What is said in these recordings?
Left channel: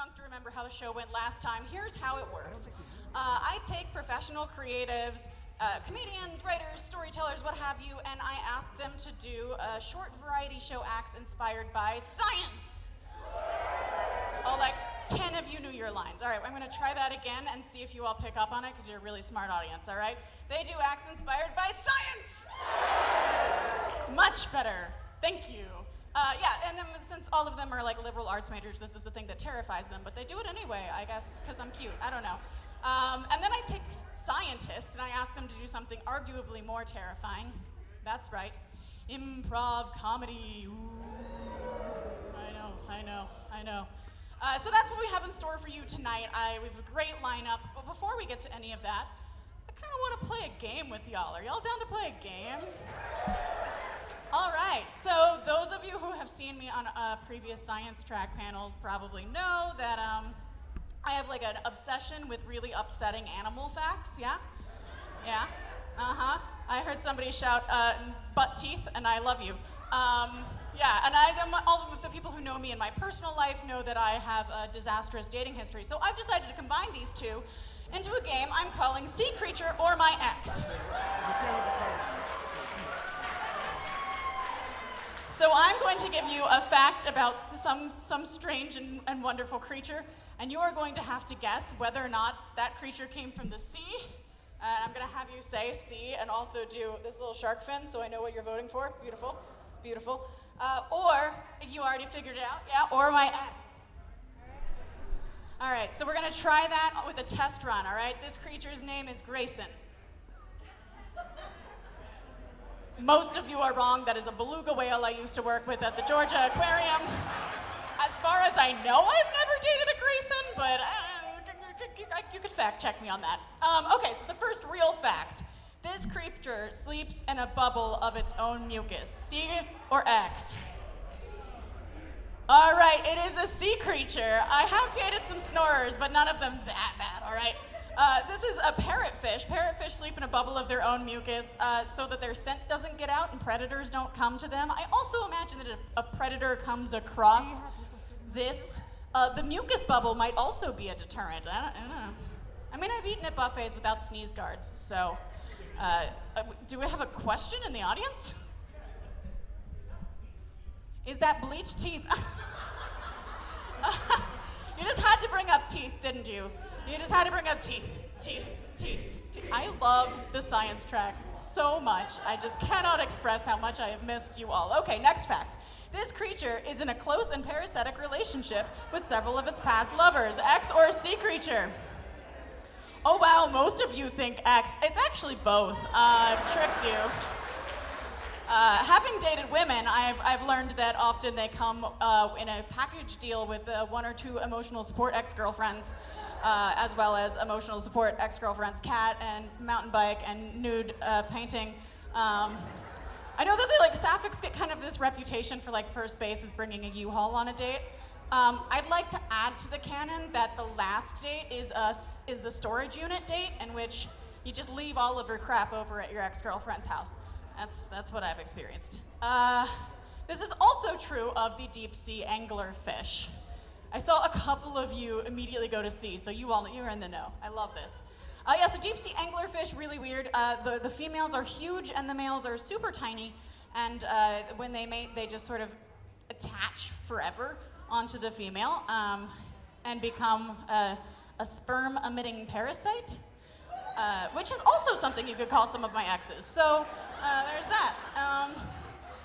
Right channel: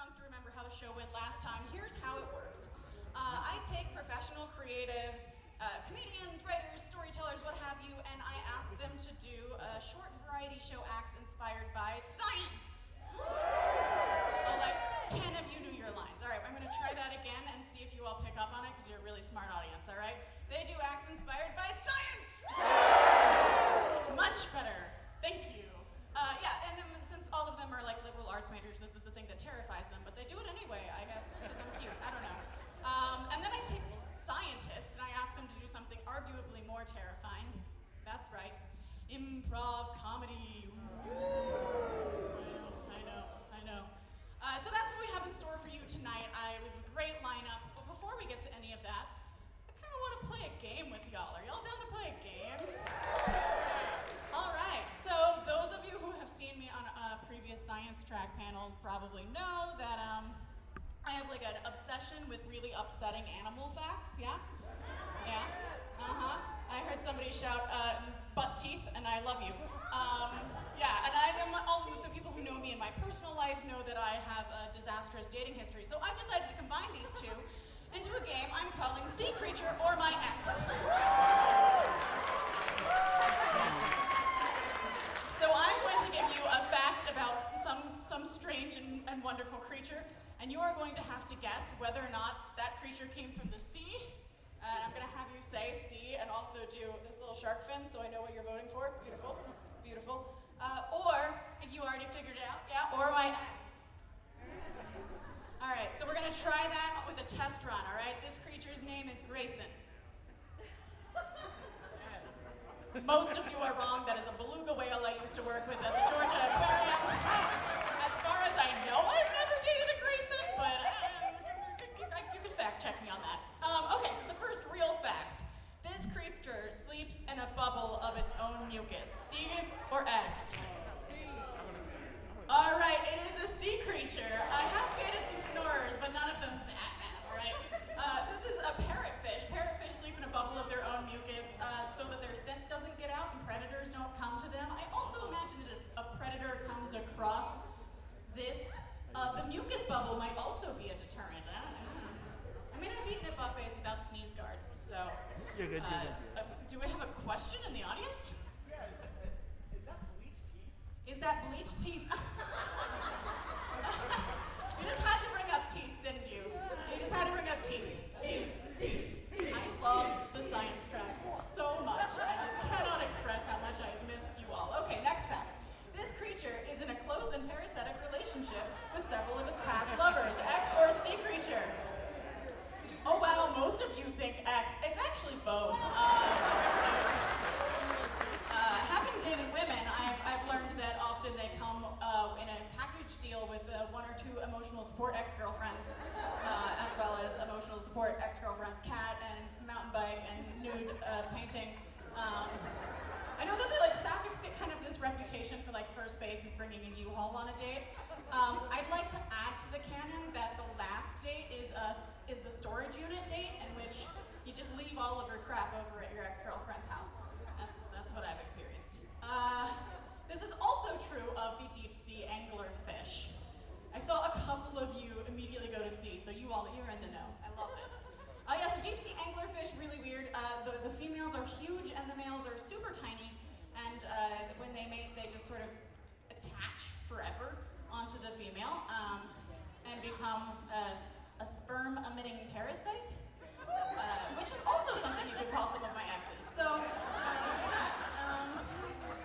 drunk to remember how the show went last time. Here's how it works. I take professional creatives, comedians, writers, storytellers, what have you, and I ask them to do short variety show acts inspired by science. Oh, like 10 of you knew your lines. All right, I'm gonna try that again and see if you all pick up on it, because you're a really smart audience, all right? They do acts inspired by science! Much better, thank you. Yeah, and then since all of them are like liberal arts majors, this is the thing that terrifies them, but they do it anyway, I guess, because I'm cute, I don't know. And then I take scientists and I ask them to do something arguably more terrifying. That's right, improv comedy. Ooh. I know. So that's what we have in store for you tonight. We have a great lineup, but before we get to any of that, I kind of want to play a game with y'all. Are y'all down to play a game? All right, so those of you who have seen me on previous science track panels probably know that I have like an obsession with really upsetting animal facts, yeah? Yeah, I heard somebody shout butt teeth, and I love you. Yeah, and all of the people who know me in my personal life know that I have a disastrous dating history, so I've decided to combine these two into a game I'm calling Sea Creature or My Ex. So I'm going to give you a fact about some strange and wonderful creature, and you are going to have to guess whether or not that creature came from the sea. I'm going to have you say sea and also do this little shark fin, so I know what you're voting for. Beautiful, beautiful. Or, you already figured it out, yeah, or my ex. All right, so we're going to try that with a test run, all right? This creature's name is Grayson. Most of you are wrong. That is a beluga whale I used to work with at the Georgia Aquarium. As far as I know, I've never dated a Grayson, but you could fact check me on that. Okay, so the first real fact. This creature sleeps in a bubble of its own mucus. Sea or X? All right, it is a sea creature. I have dated some snorers, but none of them that bad, all right? This is a parrotfish. Parrotfish sleep in a bubble of their own mucus so that their scent doesn't get out and predators don't come to them. I also imagine that if a predator comes across this, the mucus bubble might also be a deterrent. I don't know. I mean, I've eaten at buffets without sneeze guards, so do we have a question in the audience? Is that bleached teeth? You just had to bring up teeth, didn't you? You just had to bring up teeth. I love the science track so much. I just cannot express how much I have missed you all. Okay, next fact. This creature is in a close and parasitic relationship with several of its past lovers. X or sea creature? Oh wow, most of you think X. It's actually both. I've tricked you. Having dated women, I've learned that often they come in a package deal with one or two emotional support ex-girlfriends, as well as emotional support ex-girlfriend's cat and mountain bike and nude painting. I know that sapphics get kind of this reputation for first base is bringing a U-Haul on a date. I'd like to add to the canon that the last date is the storage unit date, in which you just leave all of your crap over at your ex-girlfriend's house. That's what I've experienced. This is also true of the deep sea anglerfish. I saw a couple of you immediately go to sea, so you're in the know. I love this. Yeah, so deep sea anglerfish, really weird. The females are huge and the males are super tiny, and when they mate, they just sort of attach forever onto the female and become a sperm-emitting parasite, which is also something you could call some of my exes. So there's that.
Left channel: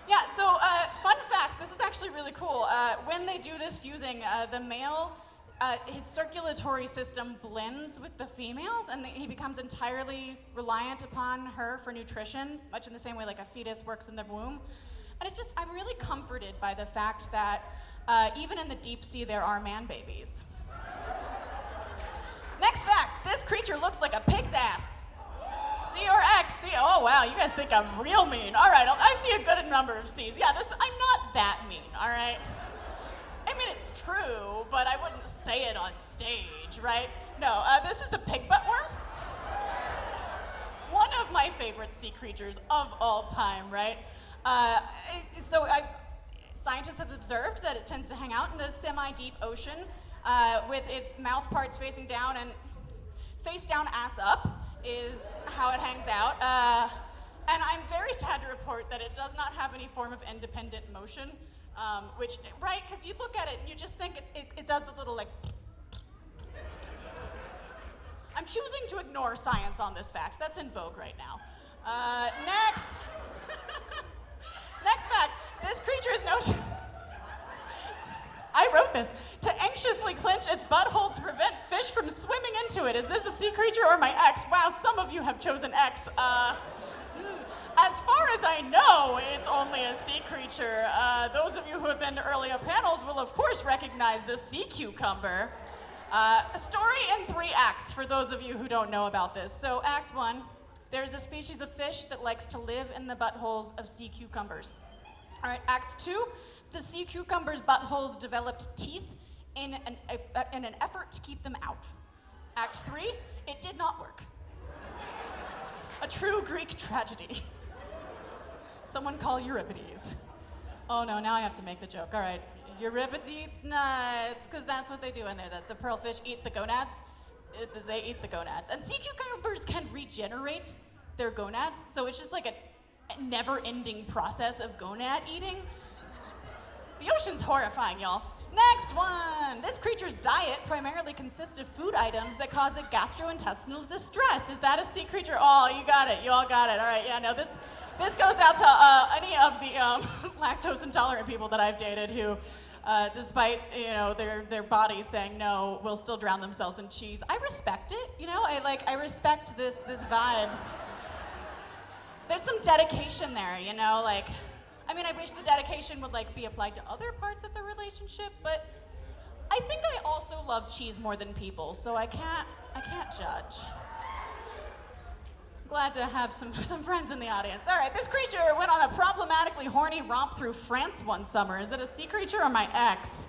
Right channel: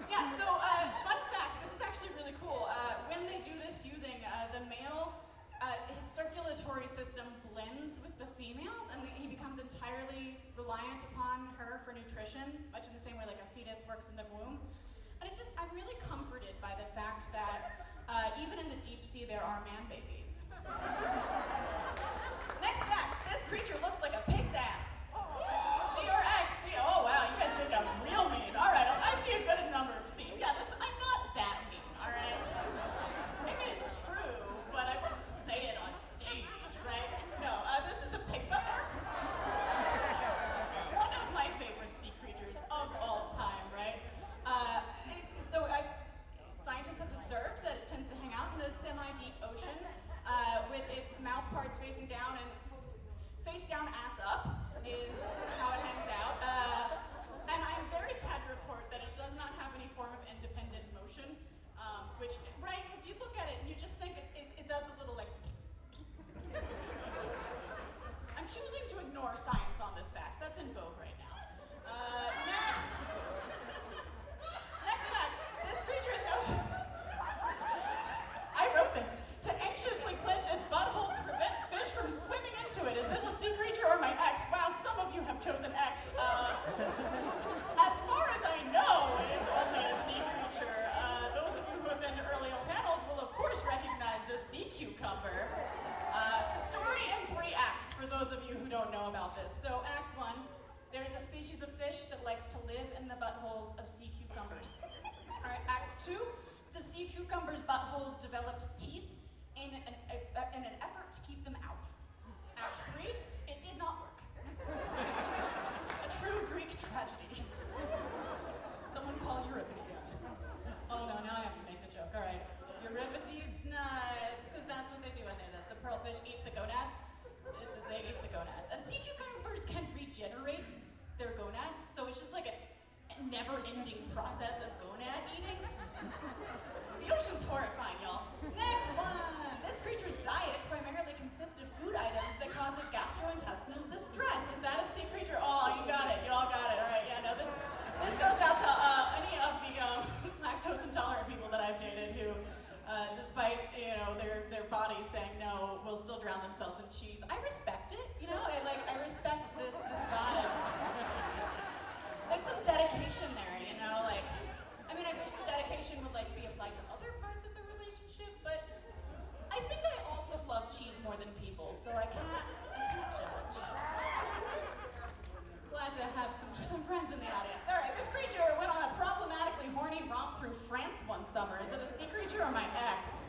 Yeah, so fun facts. This is actually really cool. When they do this fusing, the male, his circulatory system blends with the females, and he becomes entirely reliant upon her for nutrition, much in the same way like a fetus works in the womb. And it's just, I'm really comforted by the fact that even in the deep sea, there are man babies. Next fact, this creature looks like a pig's ass. C or X? C. Oh wow, you guys think I'm real mean. All right, I see a good number of C's. Yeah, I'm not that mean, all right? I mean, it's true, but I wouldn't say it on stage, right? No, this is the pig butt worm. One of my favorite sea creatures of all time, right? Scientists have observed that it tends to hang out in the semi-deep ocean, with its mouth parts facing down and face down, ass up is how it hangs out. And I'm very sad to report that it does not have any form of independent motion, which, right, because you look at it and you just think it does a little like. I'm choosing to ignore science on this fact. That's in vogue right now. Next. Next fact. This creature is known I wrote this. To anxiously clench its butthole to prevent fish from swimming into it. Is this a sea creature or my ex? Wow, some of you have chosen X. As far as I know, it's only a sea creature. Those of you who have been to earlier panels will of course recognize the sea cucumber. A story in 3 acts for those of you who don't know about this. So act 1, there's a species of fish that likes to live in the buttholes of sea cucumbers. All right, act 2, the sea cucumber's buttholes developed teeth in an effort to keep them out. Act 3, it did not work. A true Greek tragedy. Someone call Euripides. Oh no, now I have to make the joke. All right, Euripides nuts, because that's what they do in there. That the pearlfish eat the gonads. They eat the gonads. And sea cucumbers can regenerate their gonads, so it's just like a never-ending process of gonad eating. The ocean's horrifying, y'all. Next one. This creature's diet primarily consists of food items that cause it gastrointestinal distress. Is that a sea creature? Oh, you got it. You all got it. All right, yeah, no, this goes out to any of the lactose intolerant people that I've dated who, despite their bodies saying no, will still drown themselves in cheese. I respect it. I respect this vibe. There's some dedication there, I wish the dedication would be applied to other parts of the relationship, but I think I also love cheese more than people, so I can't judge. Glad to have some friends in the audience. All right, this creature went on a problematically horny romp through France one summer. Is it a sea creature or my ex?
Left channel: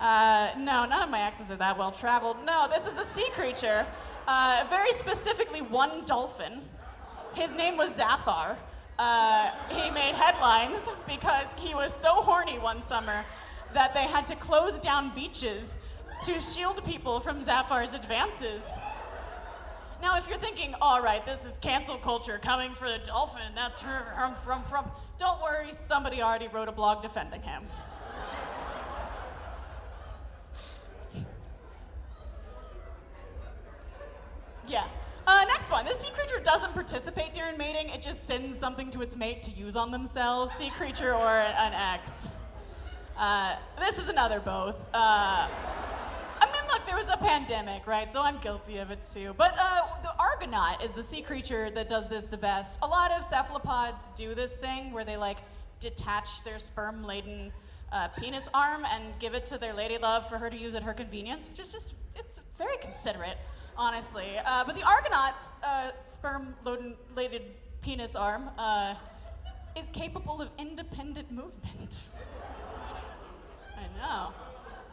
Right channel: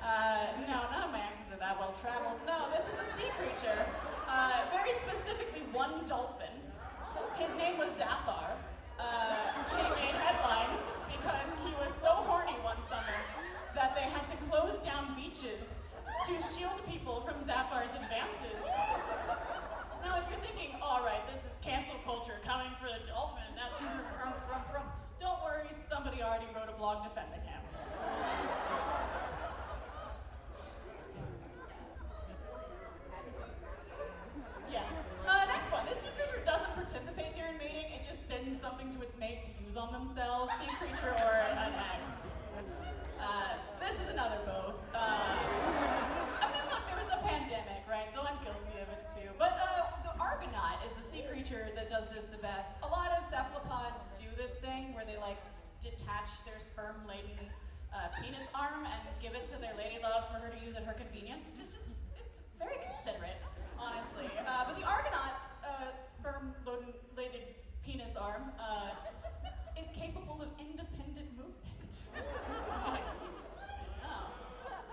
No, none of my exes are that well traveled. No, this is a sea creature. Very specifically one dolphin. His name was Zafar. He made headlines because he was so horny one summer that they had to close down beaches to shield people from Zafar's advances. Now, if you're thinking, all right, this is cancel culture coming for the dolphin, and that's from, don't worry, somebody already wrote a blog defending him. Yeah. Next one. This sea creature doesn't participate during mating. It just sends something to its mate to use on themselves. Sea creature or an ex. This is another both. Look, there was a pandemic, right? So I'm guilty of it too. But the Argonaut is the sea creature that does this the best. A lot of cephalopods do this thing where they detach their sperm-laden penis arm and give it to their lady love for her to use at her convenience, which is it's very considerate, honestly. But the Argonaut's sperm-laden penis arm is capable of independent movement. I know.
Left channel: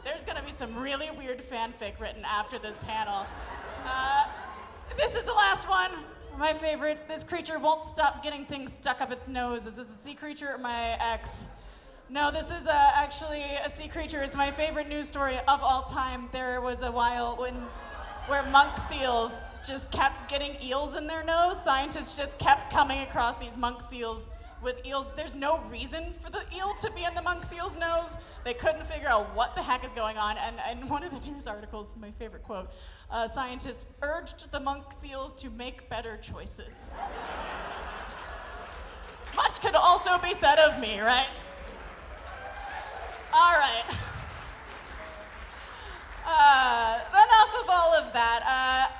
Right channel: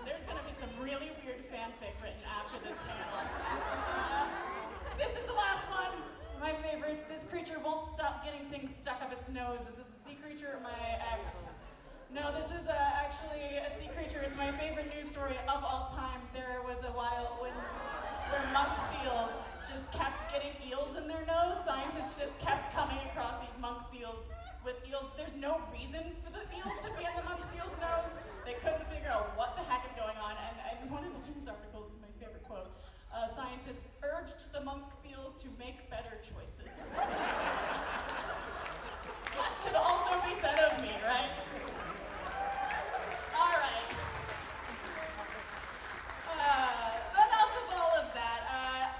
There's gonna be some really weird fanfic written after this panel. This is the last one, my favorite. This creature won't stop getting things stuck up its nose. Is this a sea creature or my ex? No, this is actually a sea creature. It's my favorite news story of all time. There was a while where monk seals just kept getting eels in their nose. Scientists just kept coming across these monk seals with eels. There's no reason for the eel to be in the monk seal's nose. They couldn't figure out what the heck is going on. And one of the news articles, my favorite quote, scientists urged the monk seals to make better choices. Much could also be said of me, right? All right. Enough of all of that.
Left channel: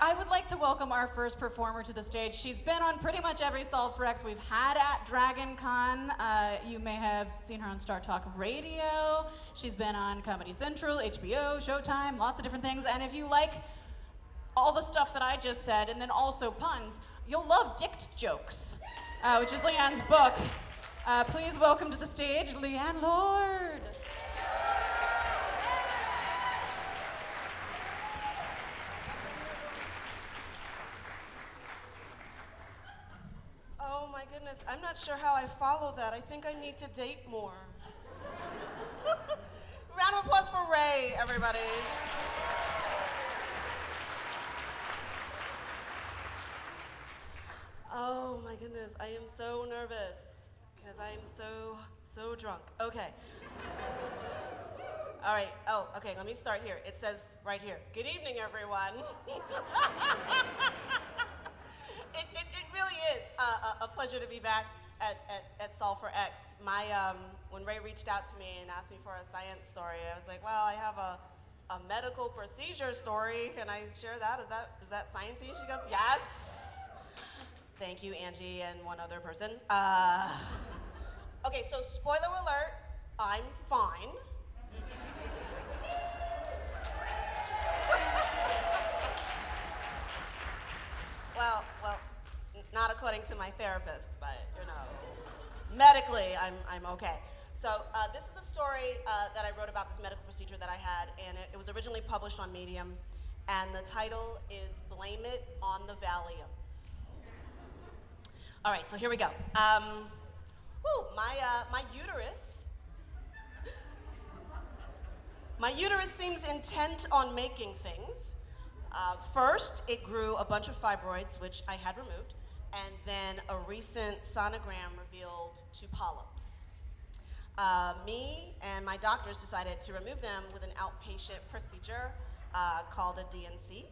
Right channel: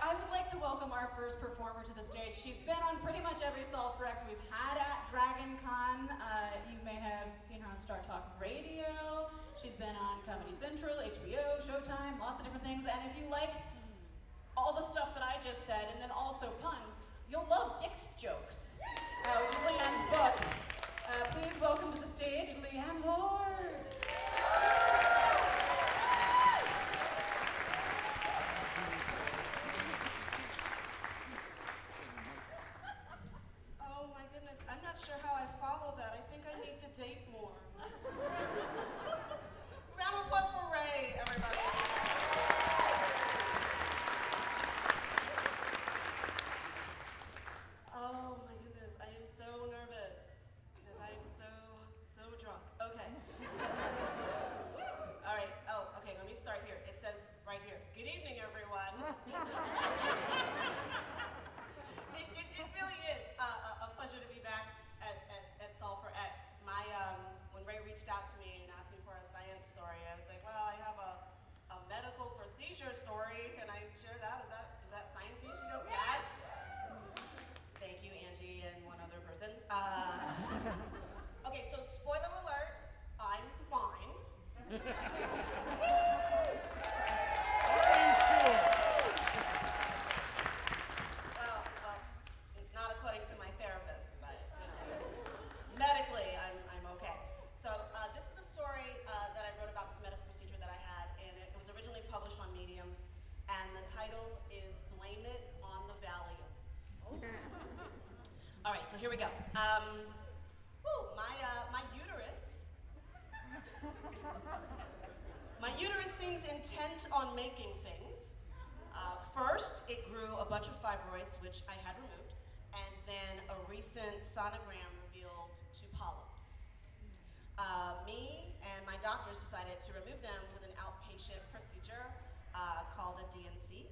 I would like to welcome our first performer to the stage. She's been on pretty much every Solve for X we've had at Dragon Con. You may have seen her on Star Talk Radio. She's been on Comedy Central, HBO, Showtime, lots of different things. And if you like all the stuff that I just said, and then also puns, you'll love Dict Jokes, which is Leanne's book. Please welcome to the stage, Leanne Lord. I'm not sure how I follow that. I think I need to date more. Round of applause for Ray. Hey, everybody. Oh my goodness, I am so nervous because I am so drunk. Okay. All right. Oh, okay. Let me start here. It says right here. Good evening, everyone. it really is a pleasure to be back at Solve for X. When Ray reached out to me and asked me for a science story, I was like, well, I have a medical procedure story. Can I share that? Is that sciencey? She goes, yes. Thank you, Angie, and one other person. Okay, so spoiler alert, I'm fine. Well, not according to my therapist, but medically, I'm okay. So this is a story that I wrote about this medical procedure that I had, and it was originally published on Medium, and the title is "Blame It on the Valium." All right, so here we go. My uterus. My uterus seems intent on making things. First, it grew a bunch of fibroids, which I had removed, and then a recent sonogram revealed 2 polyps. Me and my doctors decided to remove them with an outpatient procedure called a DNC.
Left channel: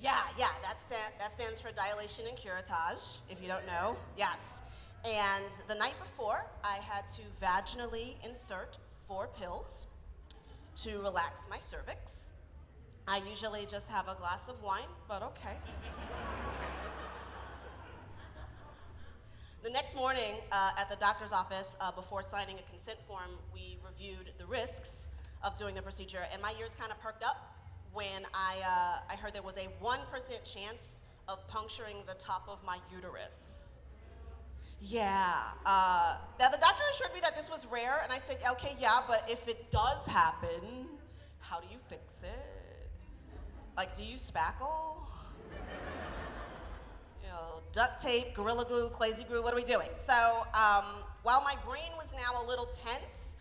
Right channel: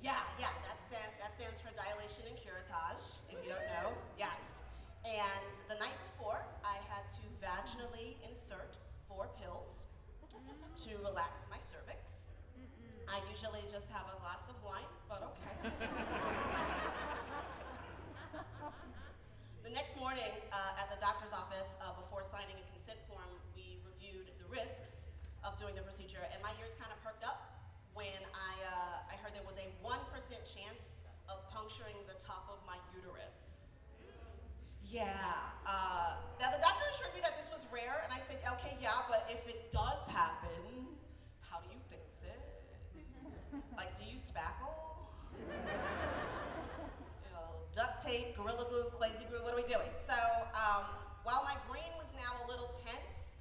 Yeah, that stands for dilation and curettage, if you don't know. Yes. And the night before, I had to vaginally insert 4 pills to relax my cervix. I usually just have a glass of wine, but okay. The next morning at the doctor's office, before signing a consent form, we reviewed the risks of doing the procedure, and my ears kind of perked up when I heard there was a 1% chance of puncturing the top of my uterus. Yeah. Now the doctor assured me that this was rare, and I said, okay, yeah, but if it does happen, how do you fix it? Like, do you spackle? Duct tape, Gorilla Glue, Clazy Glue, what are we doing? So, while my brain was now a little tense,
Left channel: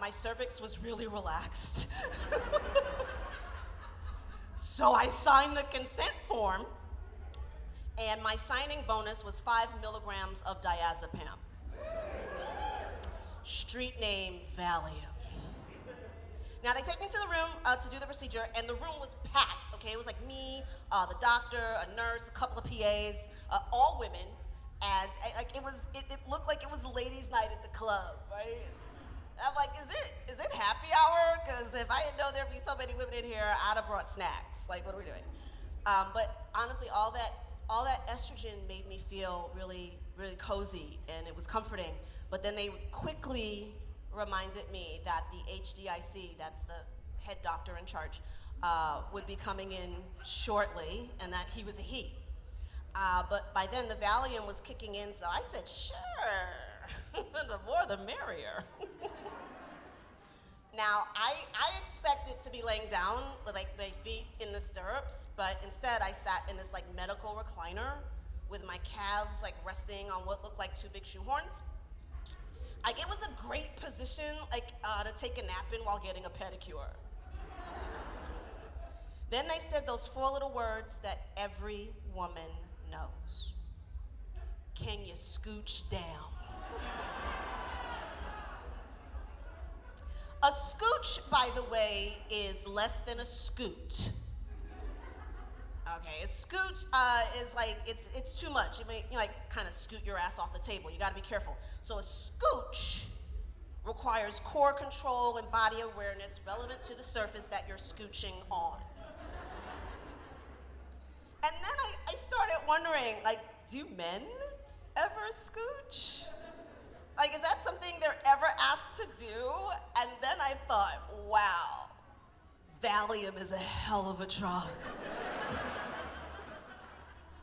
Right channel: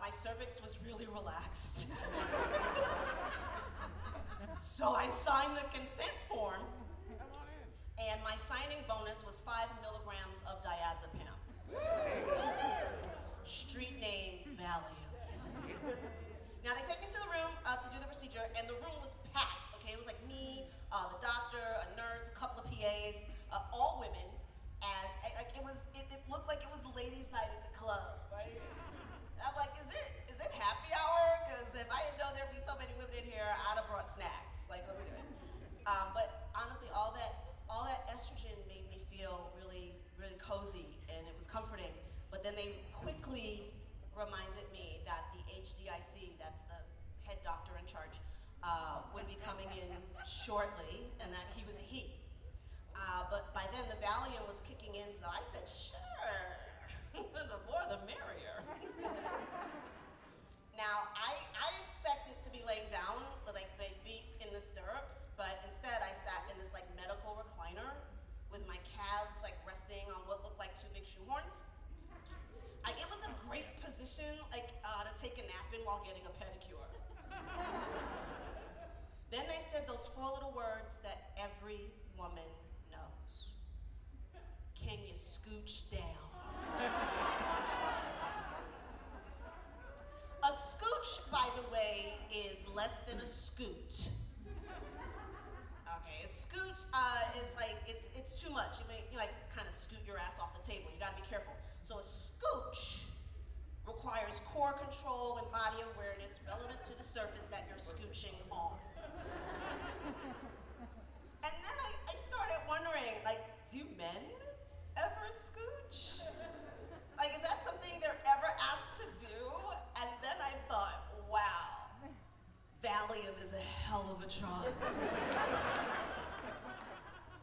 my cervix was really relaxed. So I signed the consent form, and my signing bonus was 5 milligrams of diazepam. Street name, Valium. Now they take me to the room to do the procedure, and the room was packed, okay? It was like me, the doctor, a nurse, a couple of PAs, all women, and it looked like it was a ladies' night at the club, right? And I'm like, is it happy hour? Because if I didn't know there'd be so many women in here, I'd have brought snacks. Like, what are we doing? But honestly, all that estrogen made me feel really, really cozy, and it was comforting. But then they quickly reminded me that the HDIC, that's the head doctor in charge, would be coming in shortly, and that he was a he. But by then the Valium was kicking in, so I said, sure, the more the merrier. Now, I expected to be laying down with like my feet in the stirrups, but instead I sat in this like medical recliner with my calves like resting on what looked like 2 big shoehorns. Like, it was a great position to take a nap in while getting a pedicure. Then they said those 4 little words that every woman knows. Can you scooch down? A scooch, by the way, is less than a scoot. Okay, a scoot is like, it's too much. You may like kind of scoot your ass off the table. You gotta be careful. So a scooch requires core control and body awareness relevant to the surface that you're scooching on. And then I started wondering, like, do men ever scooch? Like, is that something they're ever asked to do? And then I thought, wow, Valium is a hell of a drug.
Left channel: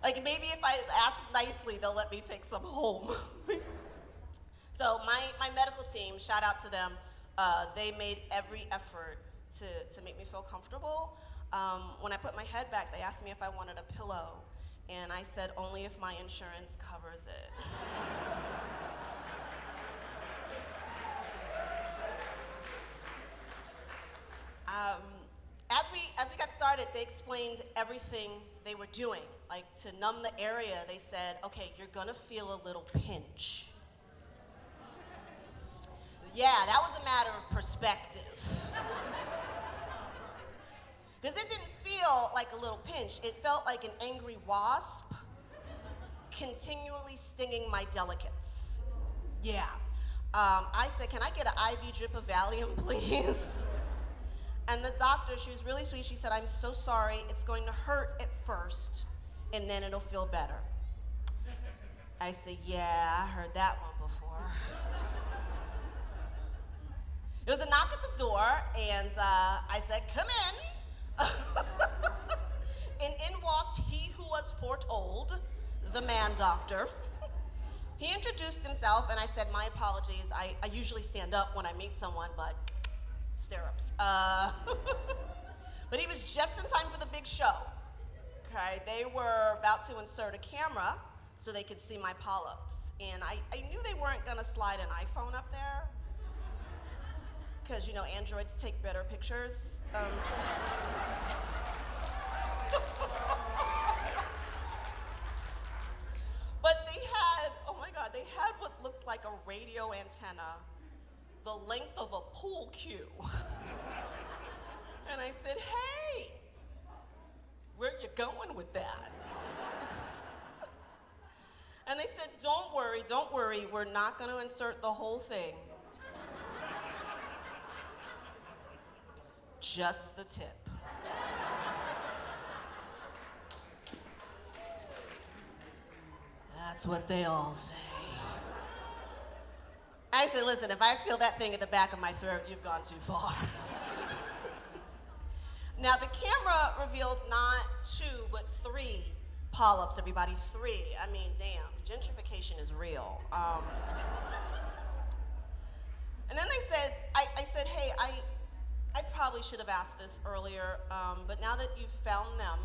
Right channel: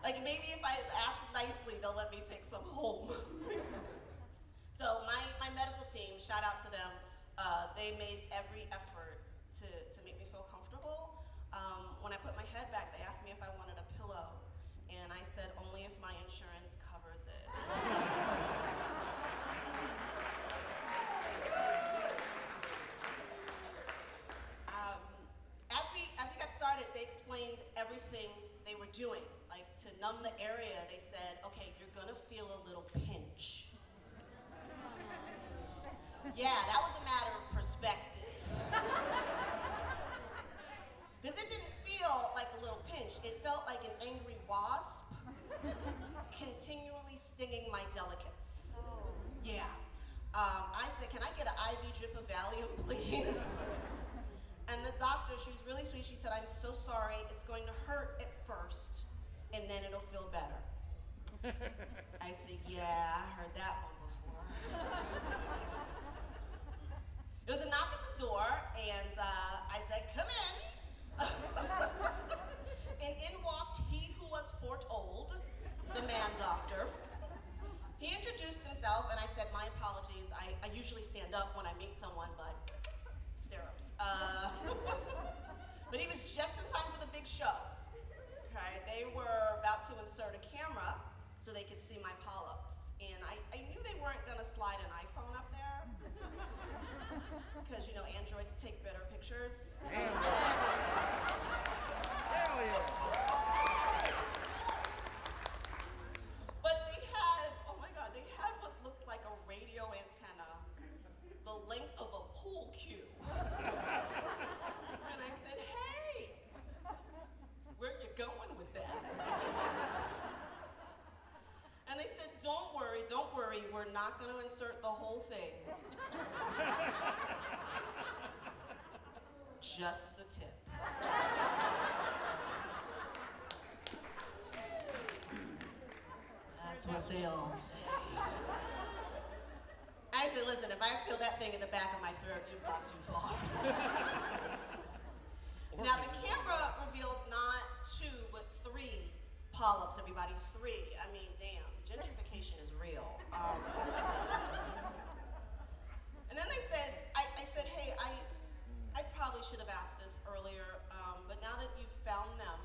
Like, maybe if I ask nicely, they'll let me take some home. So my medical team, shout out to them, they made every effort to make me feel comfortable. When I put my head back, they asked me if I wanted a pillow, and I said only if my insurance covers it. they explained everything they were doing. Like, to numb the area, they said, okay, you're gonna feel a little pinch. Yeah, that was a matter of perspective. Because it didn't feel like a little pinch. It felt like an angry wasp continually stinging my delicates. Yeah. I said, can I get an IV drip of Valium, please? And the doctor, she was really sweet. She said, I'm so sorry. It's going to hurt at first, and then it'll feel better. I said, yeah, I heard that one before. There was a knock at the door, and I said, come in. And in walked he who was foretold, the man doctor. He introduced himself, and I said, my apologies. I usually stand up when I meet someone, but stirrups. But he was just in time for the big show. Okay, they were about to insert a camera so they could see my polyps. And I knew they weren't gonna slide an iPhone up there, because, you know, androids take better pictures. But they had, oh my God, they had what looked like a radio antenna the length of a pool cue. And I said, hey, where you going with that? And they said, don't worry, we're not gonna insert the whole thing. Just the tip. That's what they all say. I said, listen, if I feel that thing at the back of my throat, you've gone too far. Now, the camera revealed not 2, but 3 polyps, everybody, 3. I mean, damn, gentrification is real. And then they said, I said, hey, I probably should have asked this earlier, but now that you've found them,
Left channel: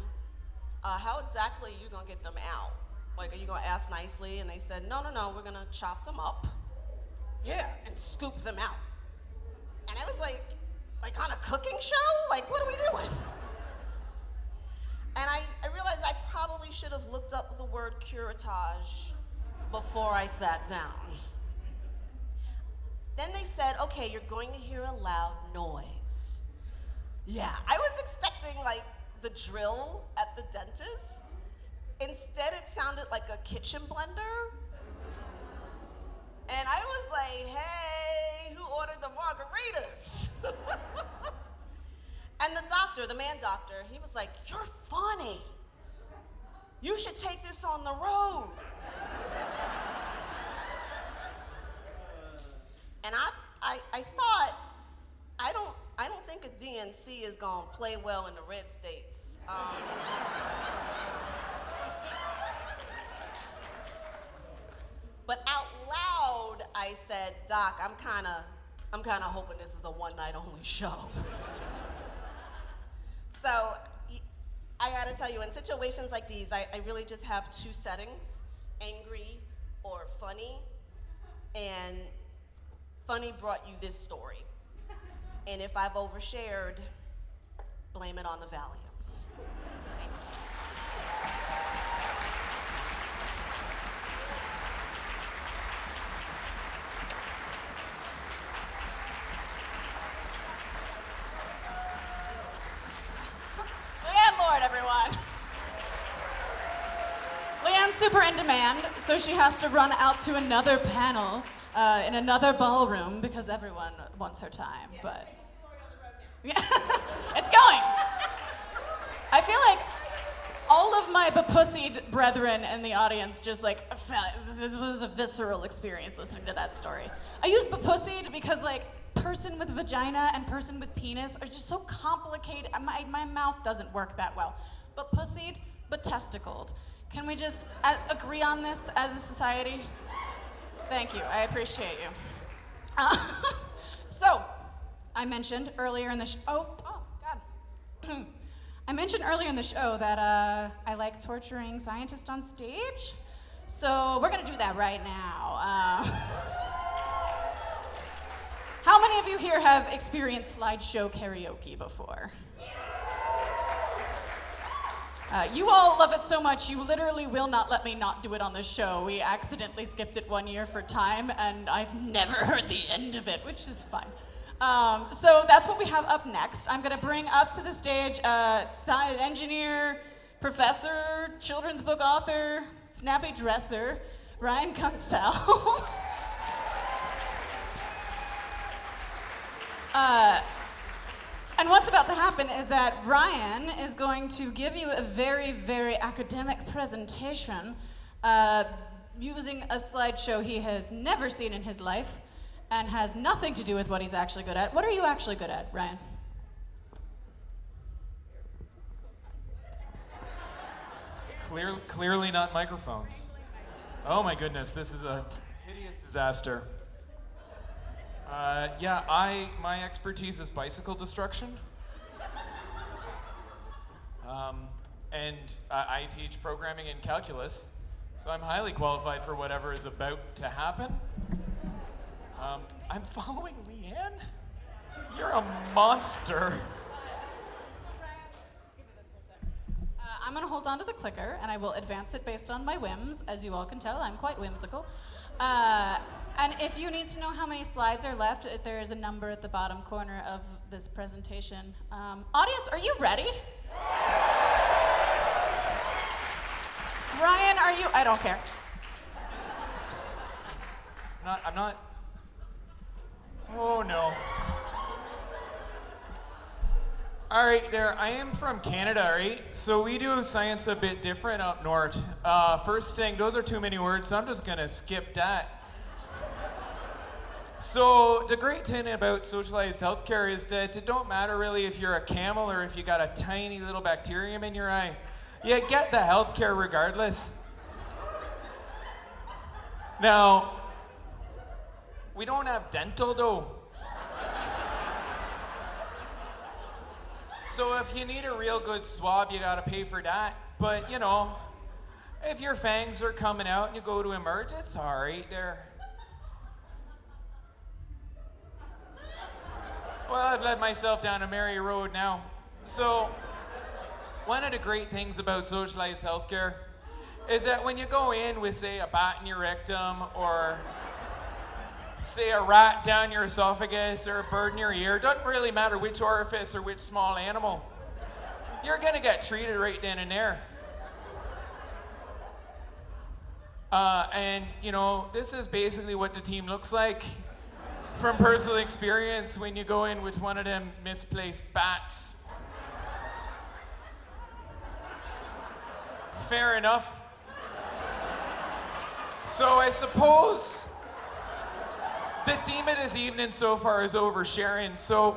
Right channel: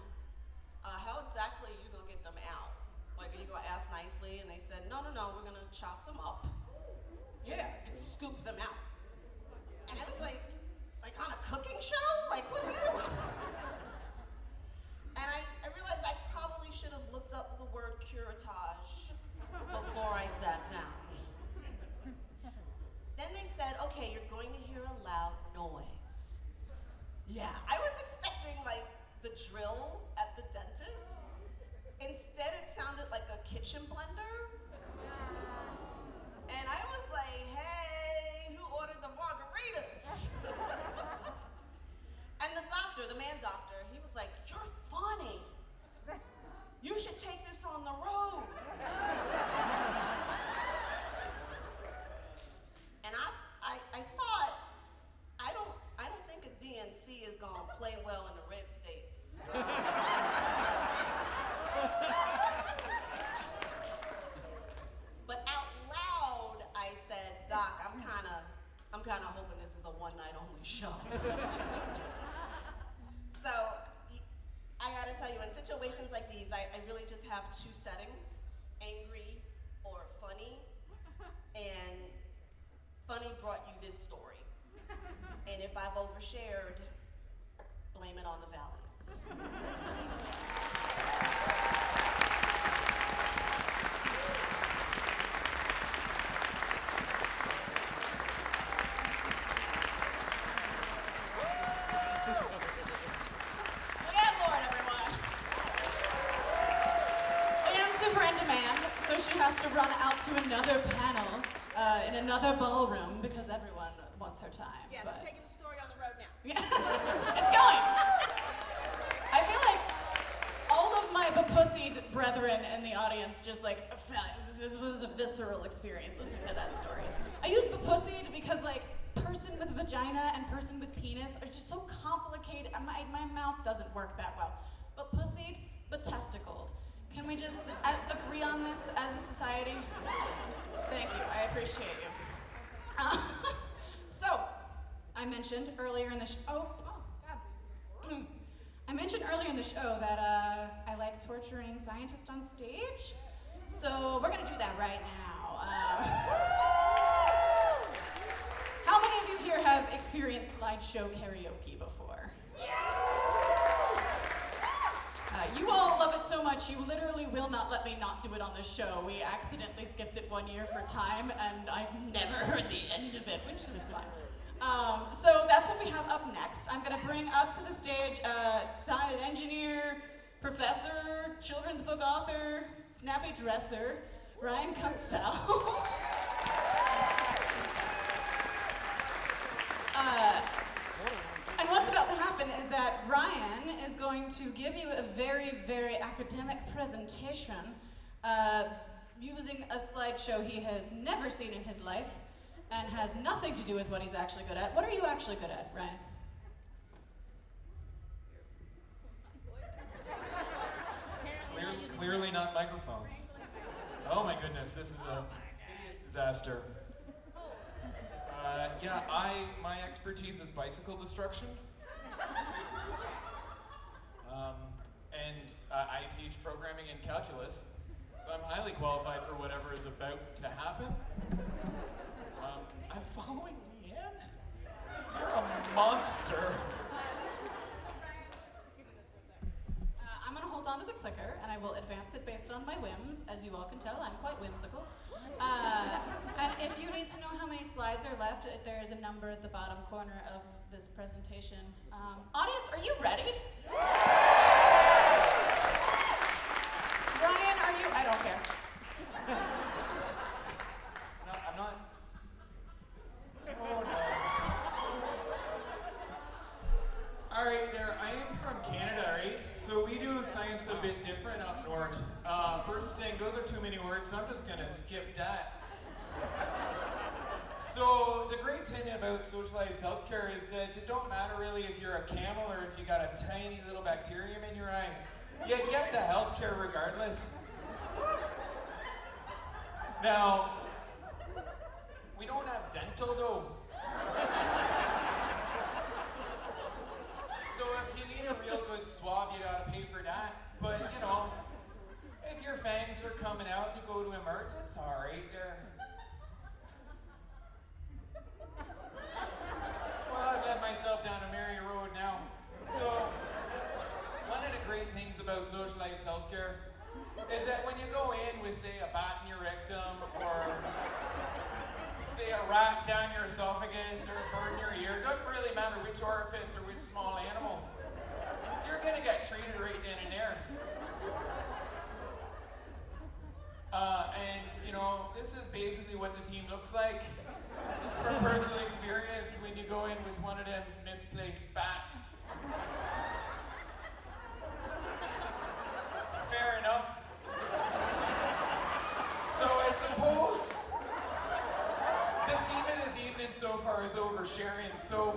how exactly are you gonna get them out? Like, are you gonna ask nicely? And they said, no, we're gonna chop them up. Yeah, and scoop them out. And I was like on a cooking show? Like, what are we doing? And I realized I probably should have looked up the word curettage before I sat down. Then they said, okay, you're going to hear a loud noise. Yeah, I was expecting like the drill at the dentist. Instead, it sounded like a kitchen blender. And I was like, hey, who ordered the margaritas? And the doctor, the man doctor, he was like, you're funny. You should take this on the road. And I thought, I don't think a DNC is gonna play well in the red states. But out loud, I said, Doc, I'm kinda hoping this is a one-night only show. So, I gotta tell you, in situations like these, I really just have 2 settings, angry or funny. And funny brought you this story. And if I've overshared, blame it on the Valium. Super in demand, so she has to run out to another panel in another ballroom because everyone wants her time. Yeah, but we're taking the story on the road now. yeah, it's going. I feel like all of my bepussied brethren in the audience just like this was a visceral experience listening to that story. I use bepussied because like person with vagina and person with penis are just so complicated. My mouth doesn't work that well. But pussied, but testicled. Can we just agree on this as a society? Thank you, I appreciate you. So, I mentioned earlier in the oh God. I mentioned earlier in the show that I like torturing scientists on stage. So we're gonna do that right now. How many of you here have experienced slideshow karaoke before? You all love it so much, you literally will not let me not do it on this show. We accidentally skipped it one year for time, and I've never heard the end of it, which is fine. So that's what we have up next. I'm gonna bring up to the stage engineer, professor, children's book author, snappy dresser, Ryan Kuntzel. And what's about to happen is that Ryan is going to give you a very, very academic presentation using a slideshow he has never seen in his life and has nothing to do with what he's actually good at. What are you actually good at, Ryan? Clearly not microphones. Oh my goodness, this is a hideous disaster. My expertise is bicycle destruction. I teach programming and calculus, so I'm highly qualified for whatever is about to happen. I'm following Leanne? You're a monster. I'm going to hold on to the clicker, and I will advance it based on my whims. As you all can tell, I'm quite whimsical. And if you need to know how many slides are left, there is a number at the bottom corner of this presentation. Audience, are you ready? Ryan, are you? I don't care. I'm not. Oh no. All right, there. I am from Canada, right? So we do science a bit different up north. First thing, those are too many words, so I'm just gonna skip that. So the great thing about socialized healthcare is that it don't matter really if you're a camel or if you got a tiny little bacterium in your eye. You get the healthcare regardless. Now, we don't have dental though. So if you need a real good swab, you gotta pay for that. But you know, if your fangs are coming out and you go to emerge, it's alright there. Well, I've led myself down a merry road now. So, one of the great things about socialized healthcare is that when you go in with, say, a bat in your rectum, or say a rat down your esophagus, or a bird in your ear, it doesn't really matter which orifice or which small animal, you're gonna get treated right then and there. And you know, this is basically what the team looks like from personal experience when you go in with one of them misplaced bats. Fair enough. So I suppose the theme of this evening so far is oversharing. So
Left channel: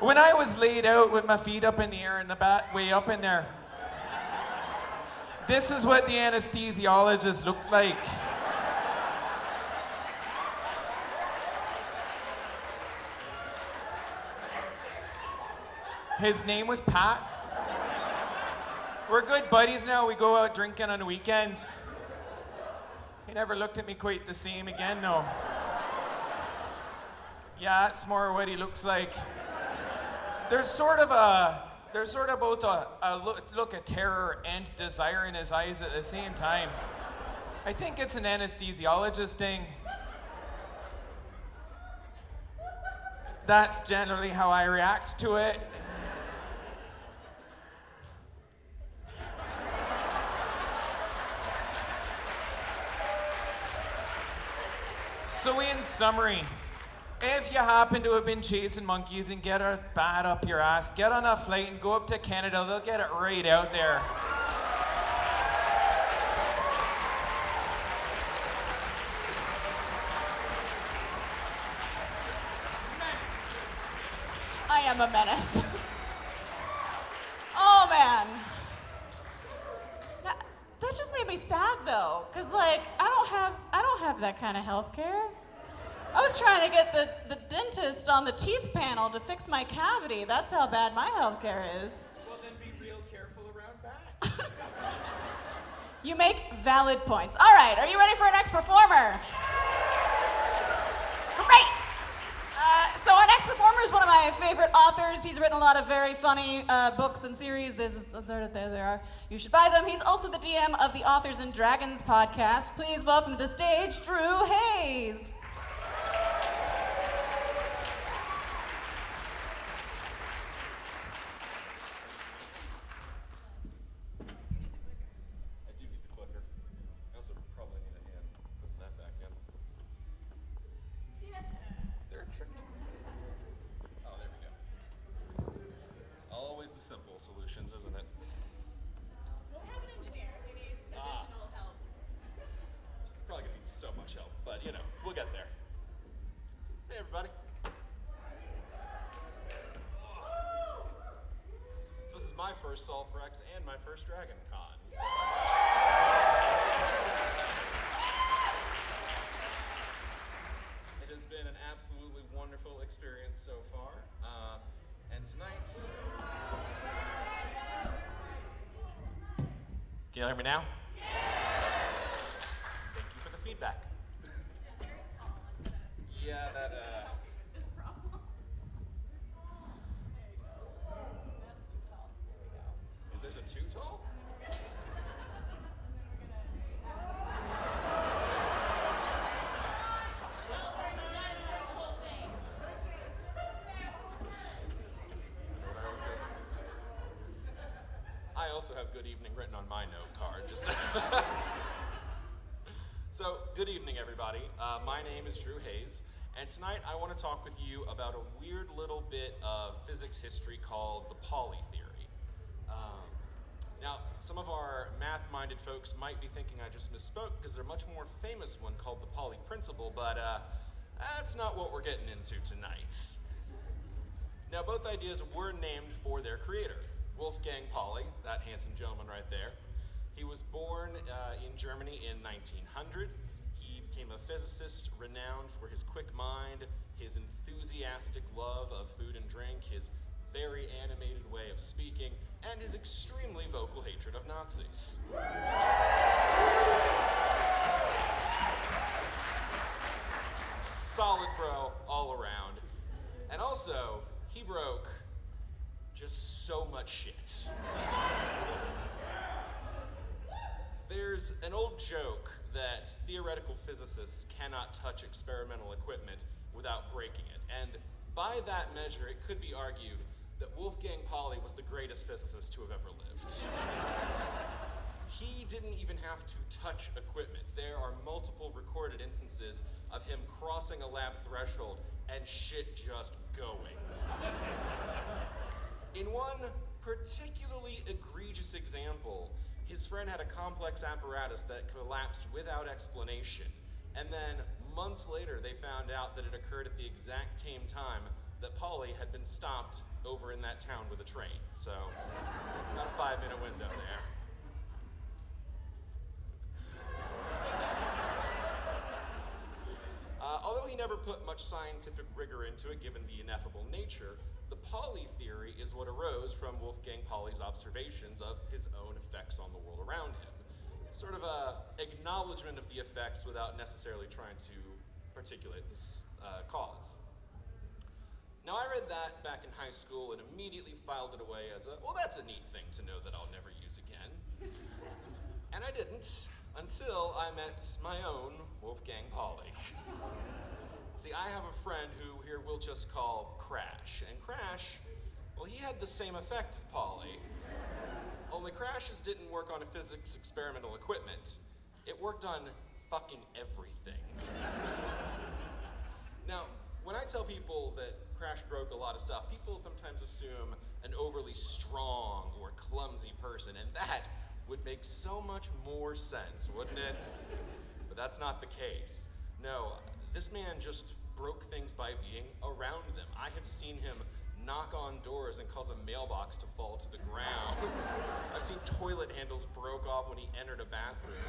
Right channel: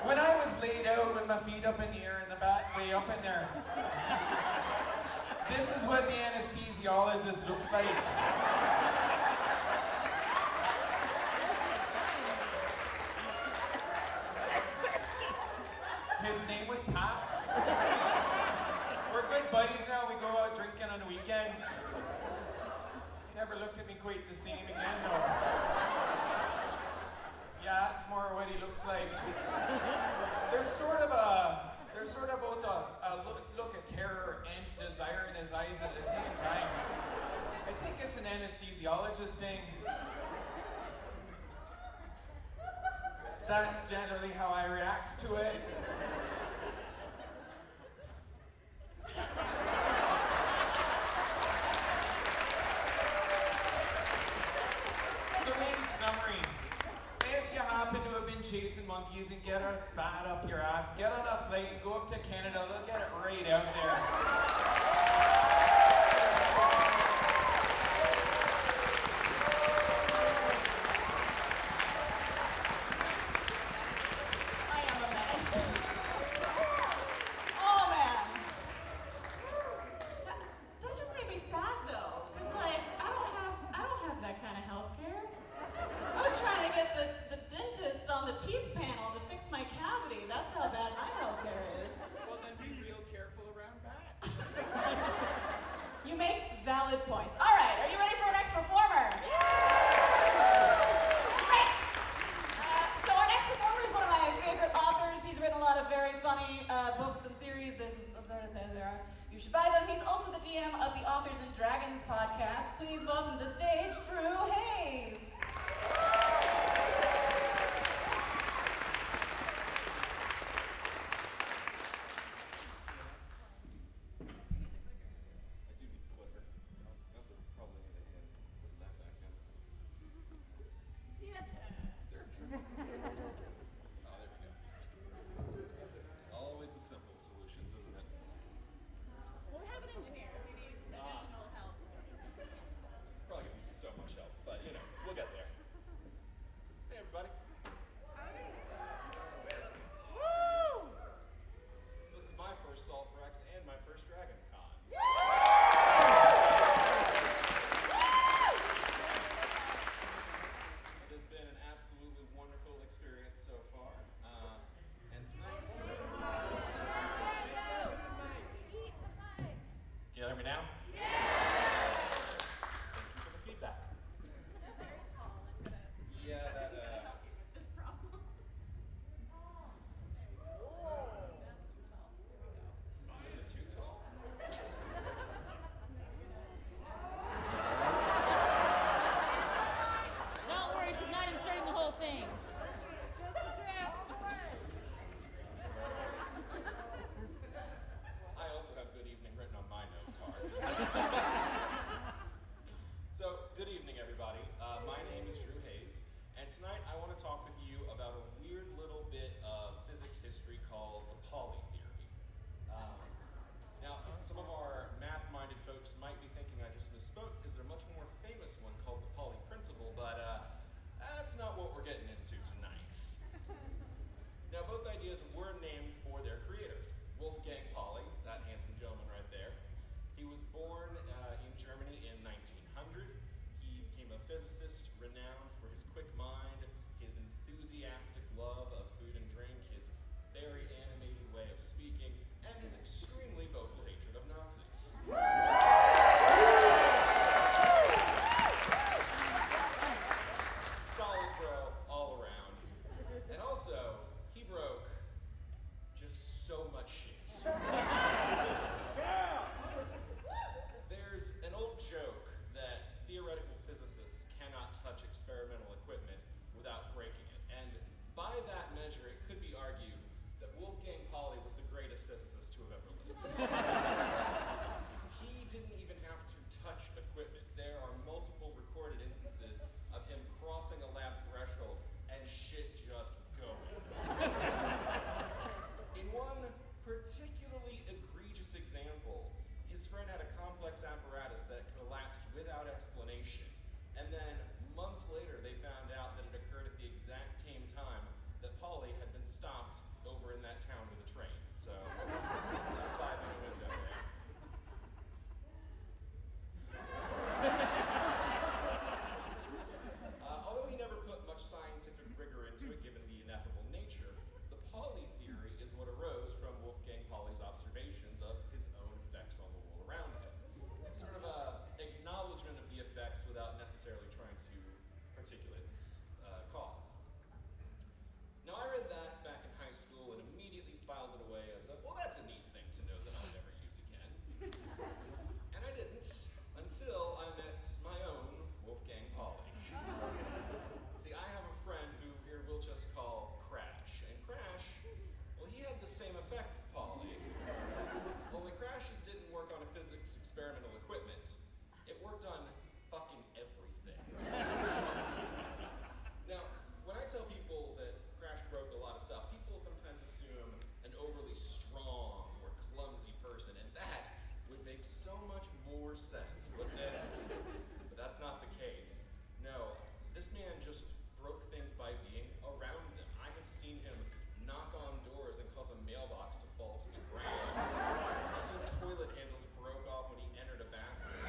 when I was laid out with my feet up in the air and the bat way up in there, this is what the anesthesiologist looked like. His name was Pat. We're good buddies now. We go out drinking on the weekends. He never looked at me quite the same again, no. Yeah, that's more what he looks like. There's sort of both a look of terror and desire in his eyes at the same time. I think it's an anesthesiologist thing. That's generally how I react to it. So in summary, if you happen to have been chasing monkeys and get a bat up your ass, get on a flight and go up to Canada, they'll get it right out there. I am a menace. Oh man. That just made me sad though, cause like I don't have that kind of healthcare. I was trying to get the dentist on the teeth panel to fix my cavity. That's how bad my healthcare is. Well, then be real careful around bats. You make valid points. All right, are you ready for our next performer? Great. So our next performer is one of my favorite authors. He's written a lot of very funny books and series. There they are. You should buy them. He's also the DM of the Authors and Dragons podcast. Please welcome to the stage, Drew Hayes. Solfrex and my first Dragon Con. It has been an absolutely wonderful experience so far. And tonight... Can you hear me now? Thank you for the feedback. Very tall. Yeah, that This problem. There you go. That's too tall. There we go. There's a too tall? Don't worry, she's not inserting the whole thing. I also have good evening written on my note card. Just So, good evening, everybody. My name is Drew Hayes, and tonight I want to talk with you about a weird little bit of physics history called the Pauli theory. Now, some of our math-minded folks might be thinking I just misspoke because there's a much more famous one called the Pauli principle, but that's not what we're getting into tonight. Now, both ideas were named for their creator, Wolfgang Pauli, that handsome gentleman right there. He was born in Germany in 1900. He became a physicist renowned for his quick mind, his enthusiastic love of food and drink, his very animated way of speaking, and his extremely vocal hatred of Nazis. Solid bro all around. And also, he broke just so much shit. There's an old joke that theoretical physicists cannot touch experimental equipment without breaking it. And by that measure, it could be argued that Wolfgang Pauli was the greatest physicist to have ever lived. He didn't even have to touch equipment. There are multiple recorded instances of him crossing a lab threshold and shit just going. In one particularly egregious example, his friend had a complex apparatus that collapsed without explanation. And then months later, they found out that it occurred at the exact same time that Pauli had been stopped over in that town with a train. So, about a 5-minute window there. Although he never put much scientific rigor into it, given the ineffable nature, the Pauli theory is what arose from Wolfgang Pauli's observations of his own effects on the world around him. Sort of a acknowledgement of the effects without necessarily trying to articulate this cause. Now, I read that back in high school and immediately filed it away as well, that's a neat thing to know that I'll never use again. And I didn't, until I met my own Wolfgang Pauli. See, I have a friend who here we'll just call Crash. And Crash, well, he had the same effect as Pauli. Only Crash's didn't work on a physics experimental equipment. It worked on fucking everything. Now, when I tell people that Crash broke a lot of stuff, people sometimes assume an overly strong or clumsy person, and that would make so much more sense, wouldn't it? But that's not the case. No, this man just broke things by being around them. I have seen him knock on doors and cause a mailbox to fall to the ground. I've seen toilet handles broke off when he entered a bathroom.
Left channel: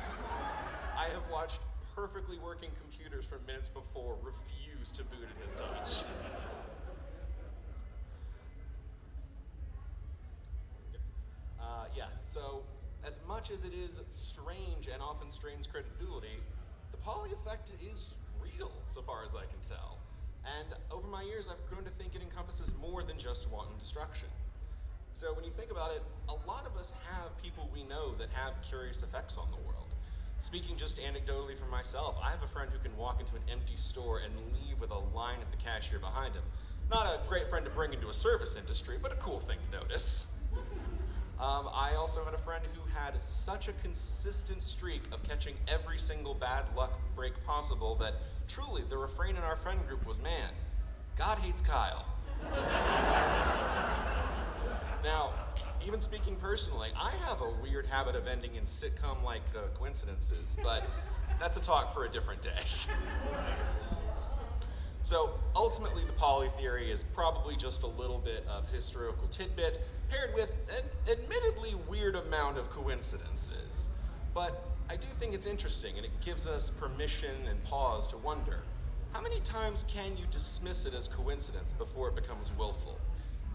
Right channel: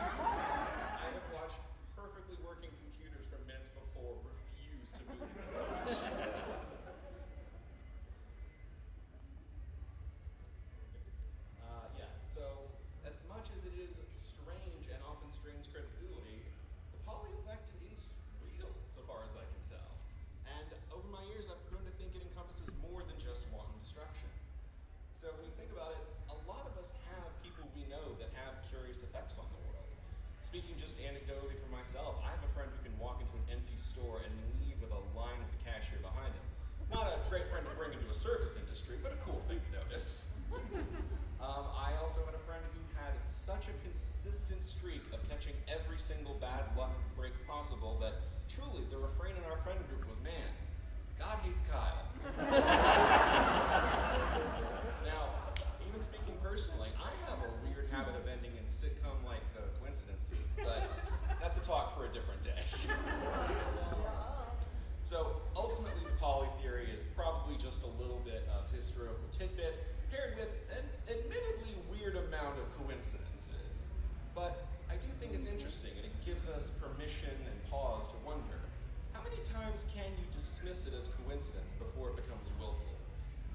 I have watched perfectly working computers from minutes before refuse to boot in his age. So as much as it is strange and often strains credibility, the Pauli effect is real, so far as I can tell. And over my years, I've grown to think it encompasses more than just wanton destruction. So when you think about it, a lot of us have people we know that have curious effects on the world. Speaking just anecdotally for myself, I have a friend who can walk into an empty store and leave with a line at the cashier behind him. Not a great friend to bring into a service industry, but a cool thing to notice. I also had a friend who had such a consistent streak of catching every single bad luck break possible that truly the refrain in our friend group was, man, God hates Kyle. Now, even speaking personally, I have a weird habit of ending in sitcom-like coincidences, but that's a talk for a different day. So ultimately, the poly theory is probably just a little bit of historical tidbit paired with an admittedly weird amount of coincidences. But I do think it's interesting, and it gives us permission and pause to wonder, how many times can you dismiss it as coincidence before it becomes willful?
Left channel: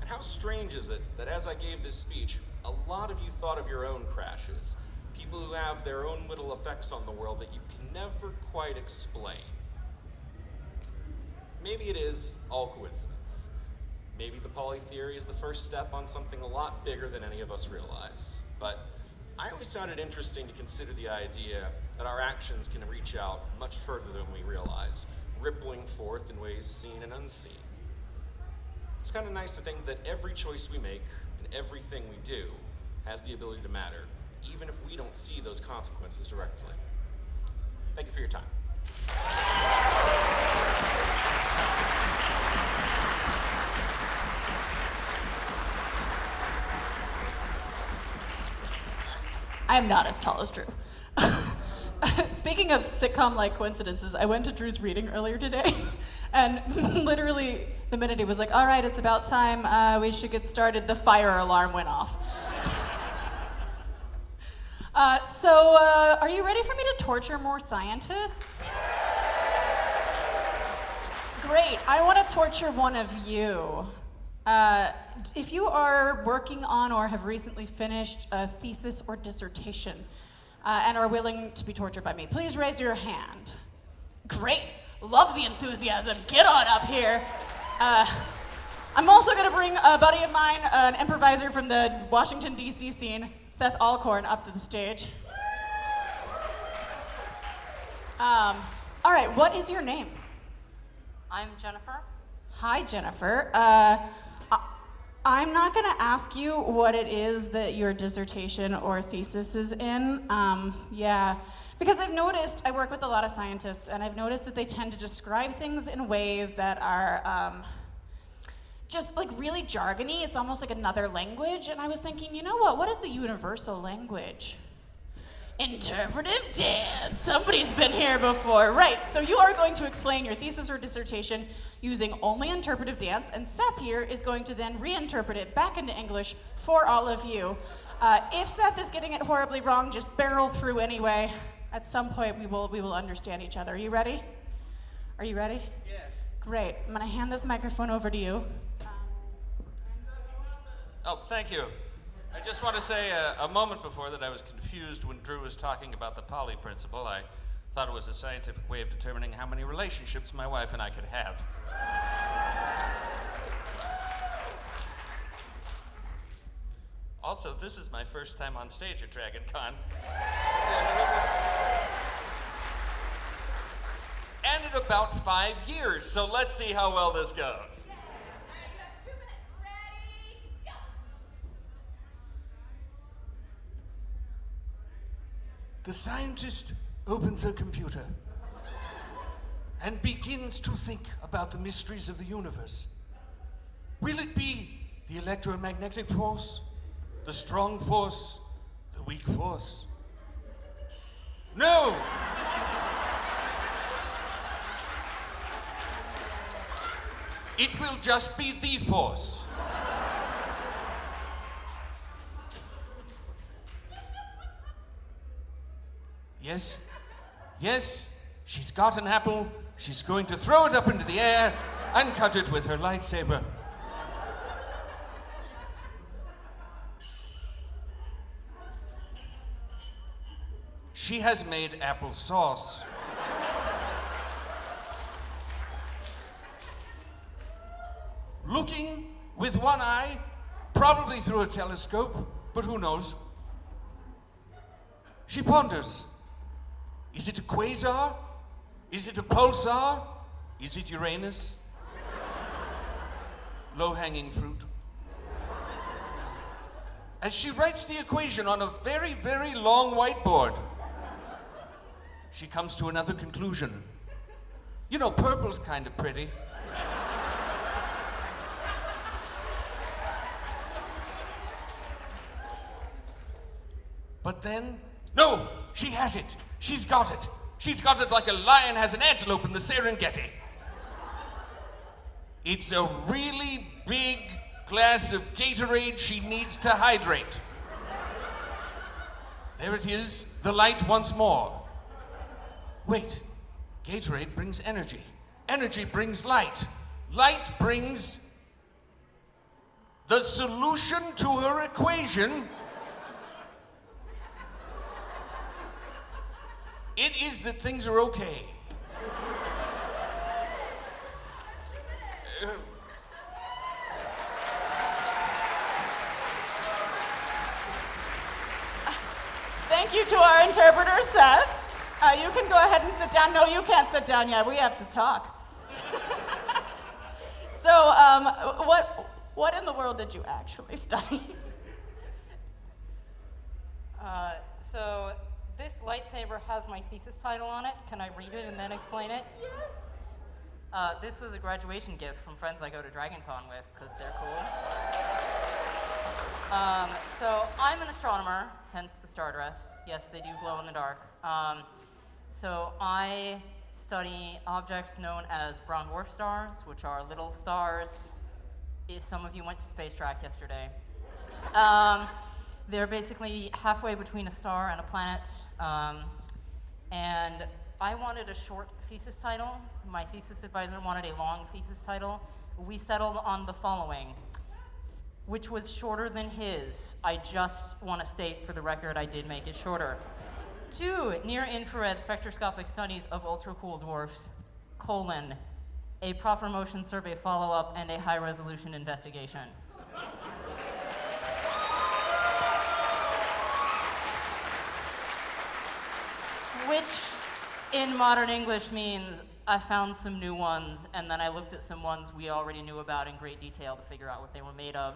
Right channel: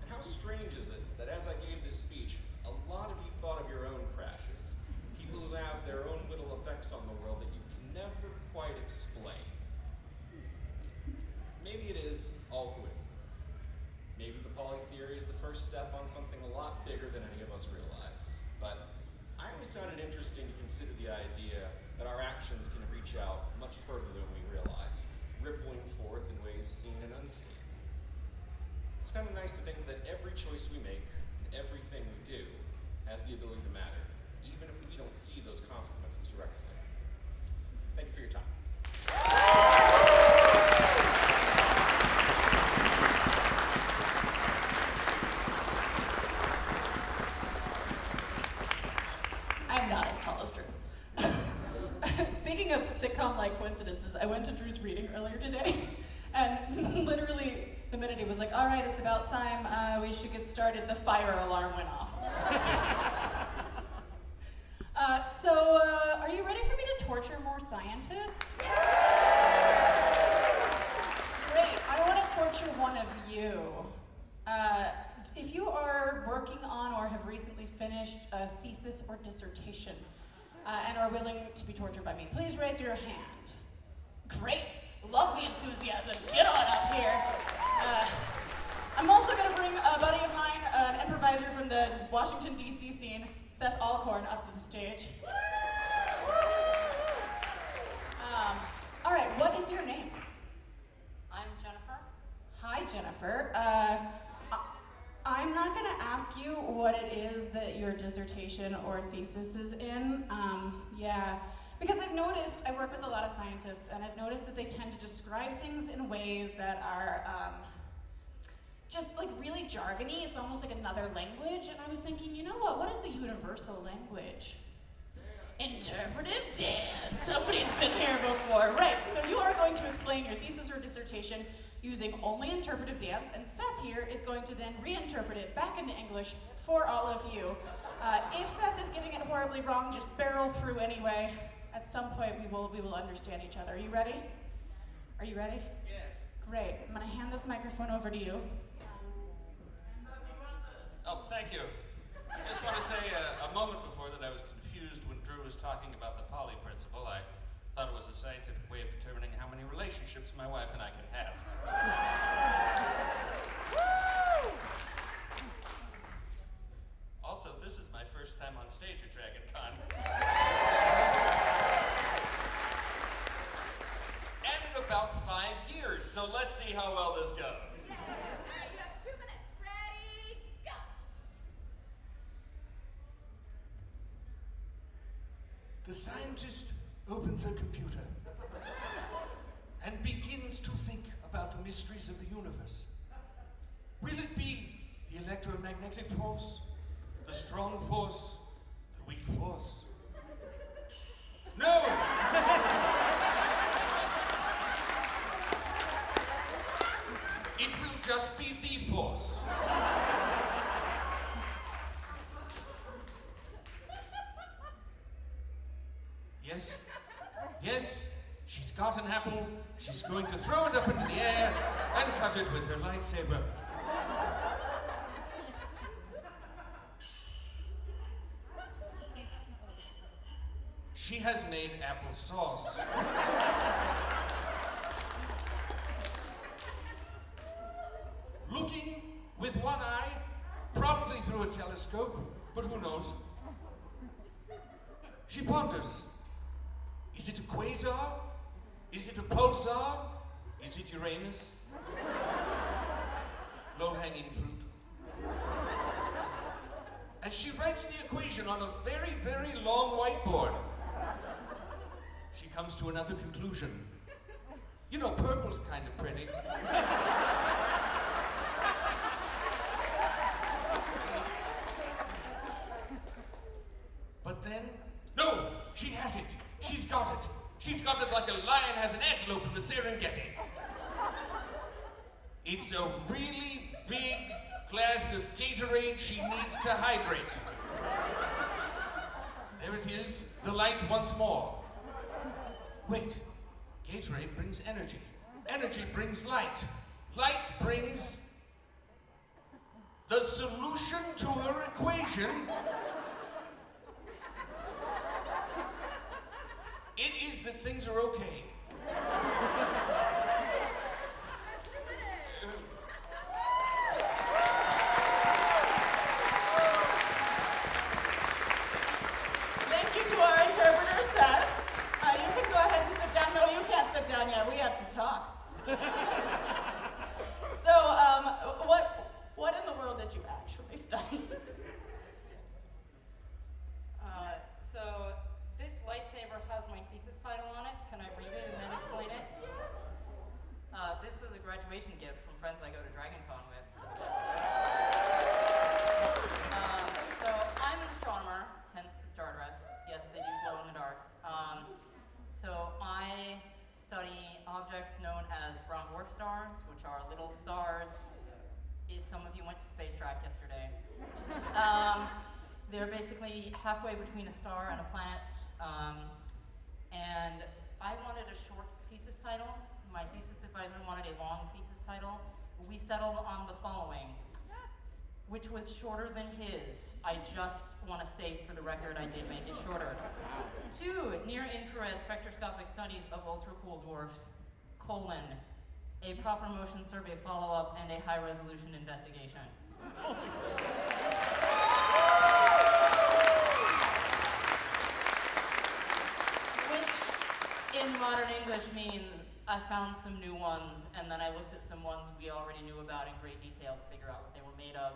And how strange is it that as I gave this speech, a lot of you thought of your own crashes, people who have their own little effects on the world that you can never quite explain. Maybe it is all coincidence. Maybe the poly theory is the first step on something a lot bigger than any of us realize. But I always found it interesting to consider the idea that our actions can reach out much further than we realize, rippling forth in ways seen and unseen. It's kind of nice to think that every choice we make and everything we do has the ability to matter, even if we don't see those consequences directly. Thank you for your time. I'm not as tall as Drew. Speaking of sitcom-like coincidences, I went to Drew's reading earlier today, and literally the minute he was like, all right, it's about time, we should get started, the fire alarm went off. So are you ready for me to torture more scientists? Great, I want to torture one of you. If you are working on or have recently finished a thesis or dissertation and are willing to be tortured by me, please raise your hand. Great, love the enthusiasm, get on up here. I'm also gonna bring a buddy of mine, an improviser from the Washington, D.C. scene, Seth Alcorn, up to the stage. All right, what is your name? I'm Jennifer. Hi, Jennifer. I'm not gonna ask you what it is that your dissertation or thesis is in. Because I've noticed, I work with a lot of scientists, and I've noticed that they tend to describe things in ways that are just like really jargony. It's almost like another language, and I was thinking, you know what is the universal language? Interpretive dance. Somebody's been here before. Right, so you are going to explain your thesis or dissertation using only interpretive dance, and Seth here is going to then reinterpret it back into English for all of you. If Seth is getting it horribly wrong, just barrel through anyway. At some point, we will understand each other. Are you ready? Are you ready? Yes. Great. I'm gonna hand this microphone over to you. Oh, thank you. I just want to say a moment before that I was confused when Drew was talking about the Pauli principle. I thought it was a scientific way of determining how many relationships my wife and I could have. Also, this is my first time on stage at Dragon Con. And in about 5 years, so let's see how well this goes. All right, you have 2 minutes. Ready, go. The scientist opens a computer and begins to think about the mysteries of the universe. Will it be the electromagnetic force, the strong force, the weak force? No! It will just be the force. Yes, yes, she's got an apple. She's going to throw it up into the air and cut it with her lightsaber. She has made applesauce. Probably through a telescope, but who knows? She ponders. Is it a quasar? Is it a pulsar? Is it Uranus? Low-hanging fruit. As she writes the equation on a very, very long whiteboard, she comes to another conclusion. You know, purple's kind of pretty. But then, no, she has it. She's got it. She's got it like a lion has an antelope in the Serengeti. It's a really big glass of Gatorade she needs to hydrate. There it is, the light once more. Wait, Gatorade brings energy. Energy brings light. Light brings the solution to her equation. It is that things are okay. Thank you to our interpreter, Seth. You can go ahead and sit down. No, you can't sit down yet. We have to talk. So, what in the world did you actually study? So this lightsaber has my thesis title on it. Can I read it and then explain it? This was a graduation gift from friends I go to DragonCon with, because they're cool. So I'm an astronomer, hence the star dress. Yes, they do glow in the dark. So I study objects known as brown dwarf stars, which are little stars. If some of you went to Space Track yesterday. They're basically halfway between a star and a planet. And I wanted a short thesis title. My thesis advisor wanted a long thesis title. We settled on the following, which was shorter than his. I just want to state for the record I did make it shorter. 2 near-infrared spectroscopic studies of ultra-cool dwarfs, a proper motion survey follow-up, and a high-resolution investigation. Which, in modern English, means I found some new ones, and then I looked at some ones we already knew about in great detail to figure out what they were made of,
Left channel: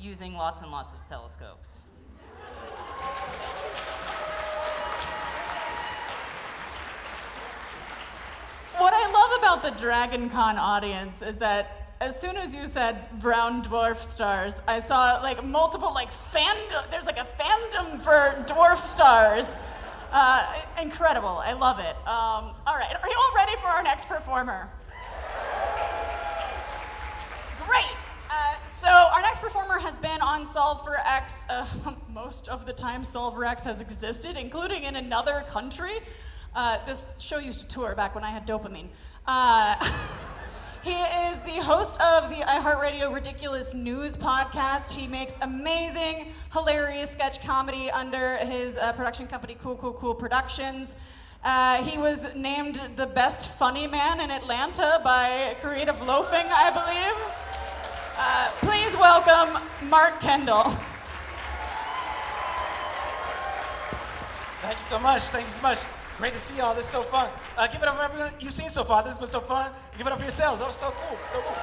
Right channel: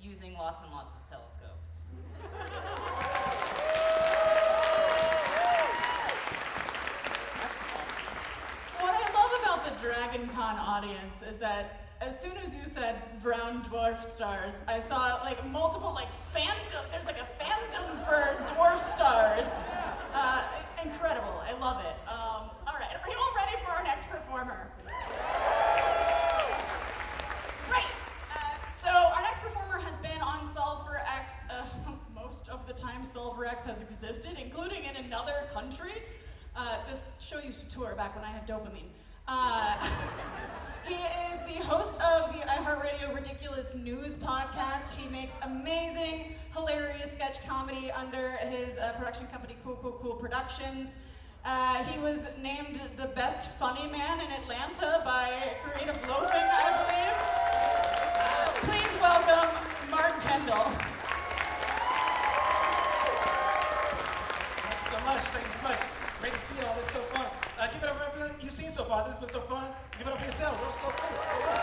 using lots and lots of telescopes. What I love about the DragonCon audience is that as soon as you said brown dwarf stars, I saw like multiple fandom. There's like a fandom for dwarf stars. Incredible. I love it. All right. Are you all ready for our next performer? Great. So our next performer has been on Solve for X most of the time Solve for X has existed, including in another country. This show used to tour back when I had dopamine. He is the host of the iHeartRadio Ridiculous News podcast. He makes amazing, hilarious sketch comedy under his production company, Cool Productions. He was named the best funny man in Atlanta by Creative Loafing, I believe. Please welcome Mark Kendall. Thank you so much. Thank you so much. Great to see y'all. This is so fun. Give it up for everyone you've seen so far. This has been so fun. Give it up for yourselves. Oh, so cool. So cool.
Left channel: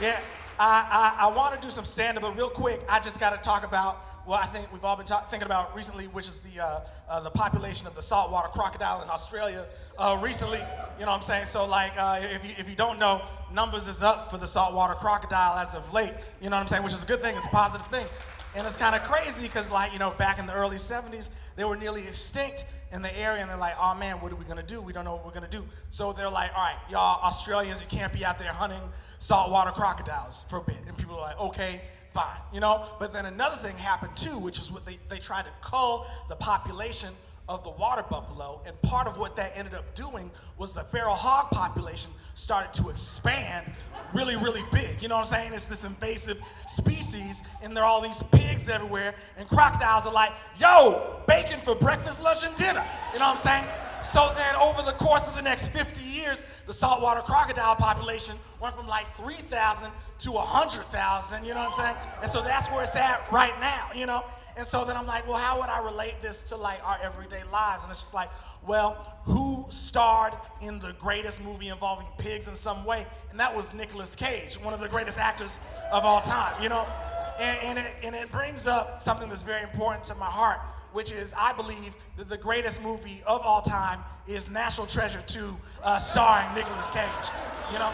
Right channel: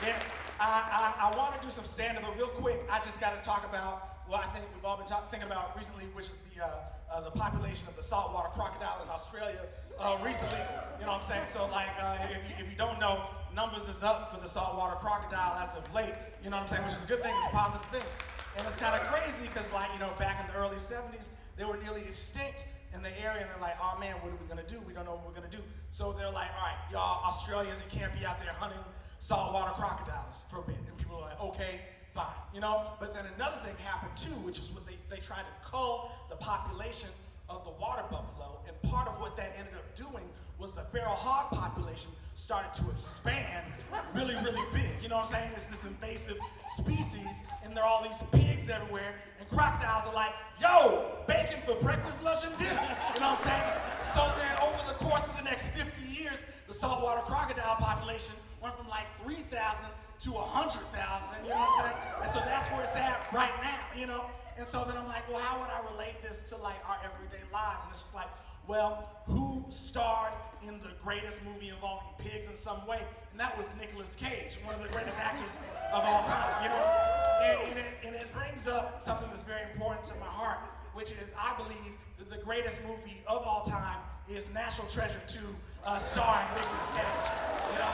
Yeah, I want to do some stand-up, but real quick, I just got to talk about what I think we've all been thinking about recently, which is the population of the saltwater crocodile in Australia recently. You know what I'm saying? So, if you don't know, numbers is up for the saltwater crocodile as of late. You know what I'm saying? Which is a good thing. It's a positive thing. And it's kind of crazy because, back in the early 70s, they were nearly extinct in the area, and they're like, oh man, what are we gonna do? We don't know what we're gonna do. So they're like, all right, y'all Australians, you can't be out there hunting saltwater crocodiles for a bit. And people are like, okay, fine, But then another thing happened too, which is what they tried to cull the population of the water buffalo, and part of what that ended up doing was the feral hog population started to expand really, really big. You know what I'm saying? It's this invasive species, and there are all these pigs everywhere, and crocodiles are like, yo, bacon for breakfast, lunch, and dinner. You know what I'm saying? So then over the course of the next 50 years, the saltwater crocodile population went from like 3,000 to 100,000, you know what I'm saying? And so that's where it's at right now, you know? And so then I'm like, well, how would I relate this to like our everyday lives? And it's just like, well, who starred in the greatest movie involving pigs in some way? And that was Nicolas Cage, one of the greatest actors of all time, you know? And it brings up something that's very important to my heart, which is I believe that the greatest movie of all time is National Treasure 2, starring Nicolas Cage, you know?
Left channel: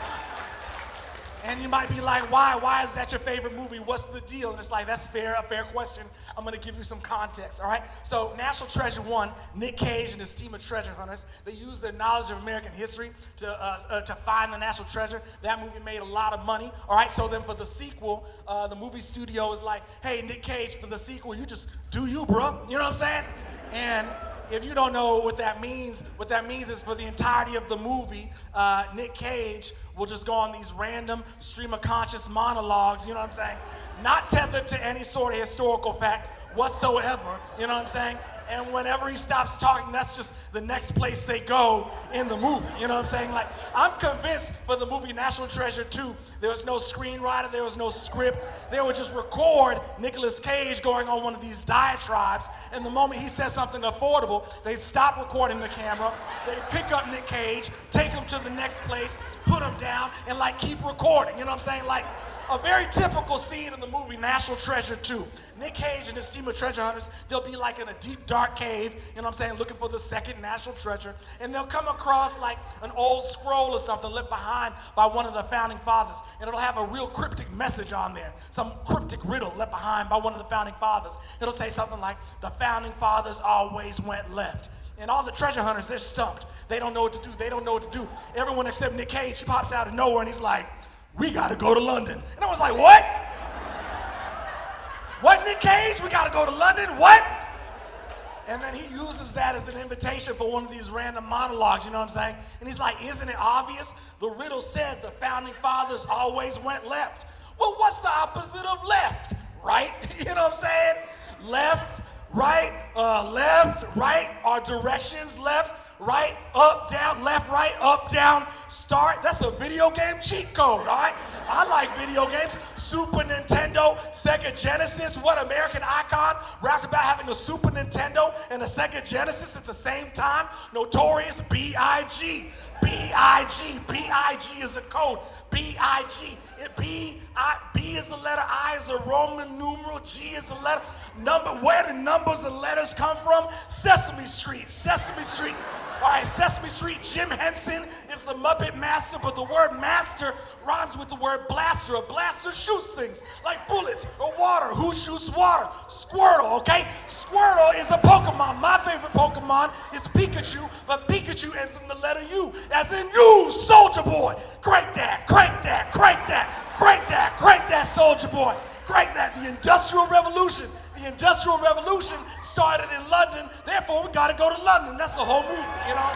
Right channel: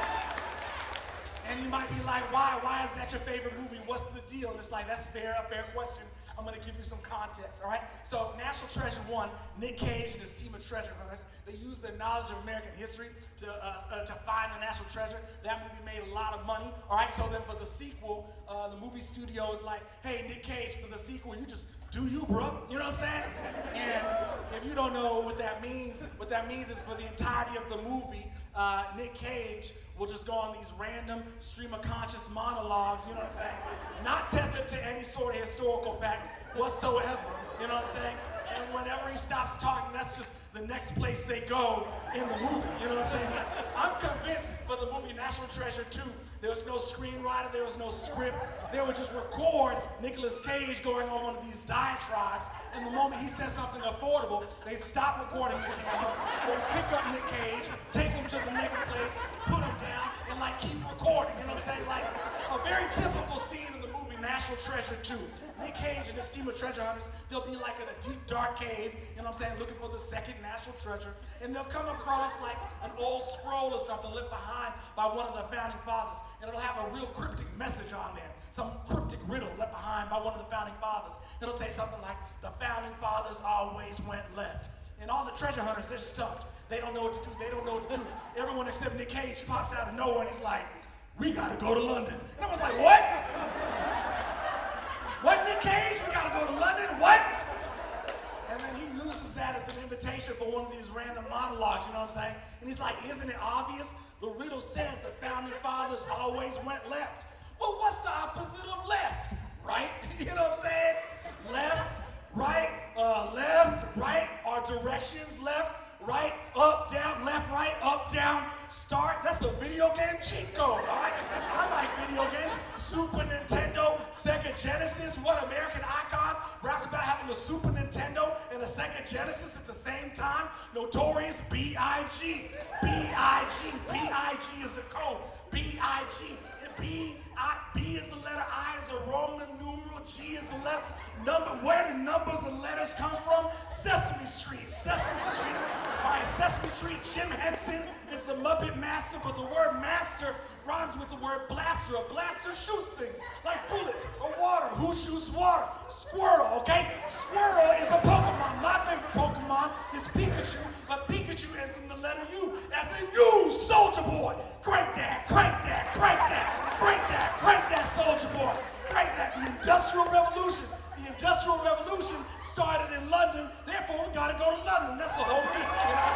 And you might be like, why? Why is that your favorite movie? What's the deal? And it's like, that's fair, a fair question. I'm gonna give you some context, all right? So National Treasure 1, Nick Cage and his team of treasure hunters, they used their knowledge of American history to find the national treasure. That movie made a lot of money, all right? So then for the sequel, the movie studio is like, hey, Nick Cage, for the sequel, you just do you, bro. You know what I'm saying? And if you don't know what that means is for the entirety of the movie, Nick Cage will just go on these random stream of conscious monologues, you know what I'm saying? Not tethered to any sort of historical fact whatsoever, you know what I'm saying? And whenever he stops talking, that's just the next place they go in the movie, you know what I'm saying? Like, I'm convinced for the movie National Treasure 2, there was no screenwriter, there was no script. They would just record Nicolas Cage going on one of these diatribes, and the moment he says something affordable, they stop recording the camera, they pick up Nick Cage, take him to the next place, put him down, and like keep recording, you know what I'm saying? Like, a very typical scene in the movie National Treasure 2. Nick Cage and his team of treasure hunters, they'll be like in a deep, dark cave, you know what I'm saying, looking for the second national treasure, and they'll come across like an old scroll or something left behind by one of the founding fathers, and it'll have a real cryptic message on there, some cryptic riddle left behind by one of the founding fathers. It'll say something like, the founding fathers always went left. And all the treasure hunters, they're stumped. They don't know what to do. They don't know what to do. Everyone except Nick Cage, he pops out of nowhere and he's like, we gotta go to London. And I was like, what? What, Nick Cage? We gotta go to London? What? And then he uses that as an invitation for one of these random monologues, you know what I'm saying? And he's like, isn't it obvious? The riddle said the founding fathers always went left. Well, what's the opposite of left? Right? You know what I'm saying? Left, right, are directions left, right, up, down, left, right, up, down, start. That's a video game cheat code, all right? I like video games. Super Nintendo, Sega Genesis. What American icon rapped about having a Super Nintendo and a Sega Genesis at the same time? Notorious B.I.G. B.I.G. B.I.G. is a code. B.I.G. B is a letter, I is a Roman numeral, G is a letter. Number, where do numbers and letters come from? Sesame Street, Sesame Street. All right, Sesame Street, Jim Henson is the Muppet Master, but the word master rhymes with the word blaster. A blaster shoots things like bullets or water. Who shoots water? Squirtle, okay? Squirtle is a Pokemon. My favorite Pokemon is Pikachu, but Pikachu ends in the letter U, as in you, Soldier Boy. Crank that, crank that, crank that, crank that, crank that, Soldier Boy. Crank that. The Industrial Revolution. The Industrial Revolution started in London, therefore we gotta go to London. That's the whole meaning, you know?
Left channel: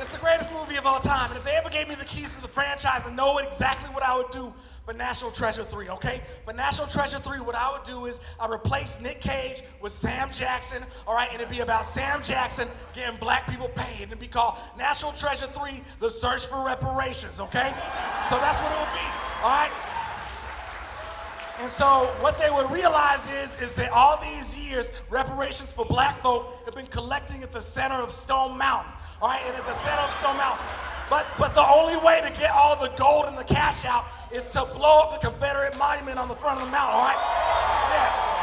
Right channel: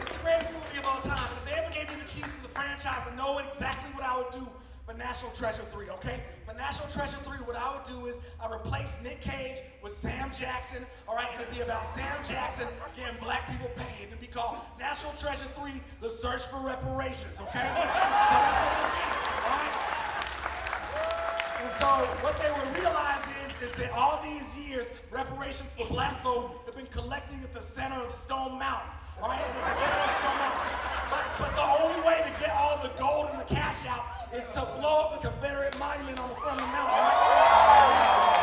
It's the greatest movie of all time, and if they ever gave me the keys to the franchise, I know exactly what I would do for National Treasure 3, okay? For National Treasure 3, what I would do is I replace Nick Cage with Sam Jackson, all right? And it'd be about Sam Jackson getting black people paid. It'd be called National Treasure 3, The Search for Reparations, okay? So that's what it would be, all right? And so what they would realize is that all these years, reparations for black folk have been collecting at the center of Stone Mountain, all right? And at the center of Stone Mountain. But the only way to get all the gold and the cash out is to blow up the Confederate monument on the front of the mountain, all right? Yeah.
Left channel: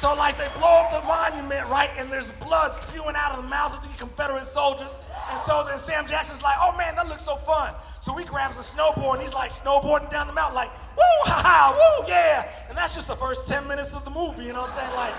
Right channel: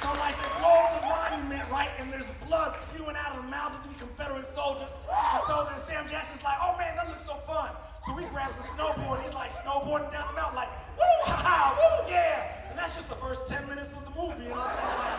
So like they blow up the monument, right? And there's blood spewing out of the mouth of the Confederate soldiers. And so then Sam Jackson's like, oh man, that looks so fun. So he grabs a snowboard and he's like snowboarding down the mountain like, woo, ha ha, woo, yeah. And that's just the first 10 minutes of the movie, you know what I'm saying? Like,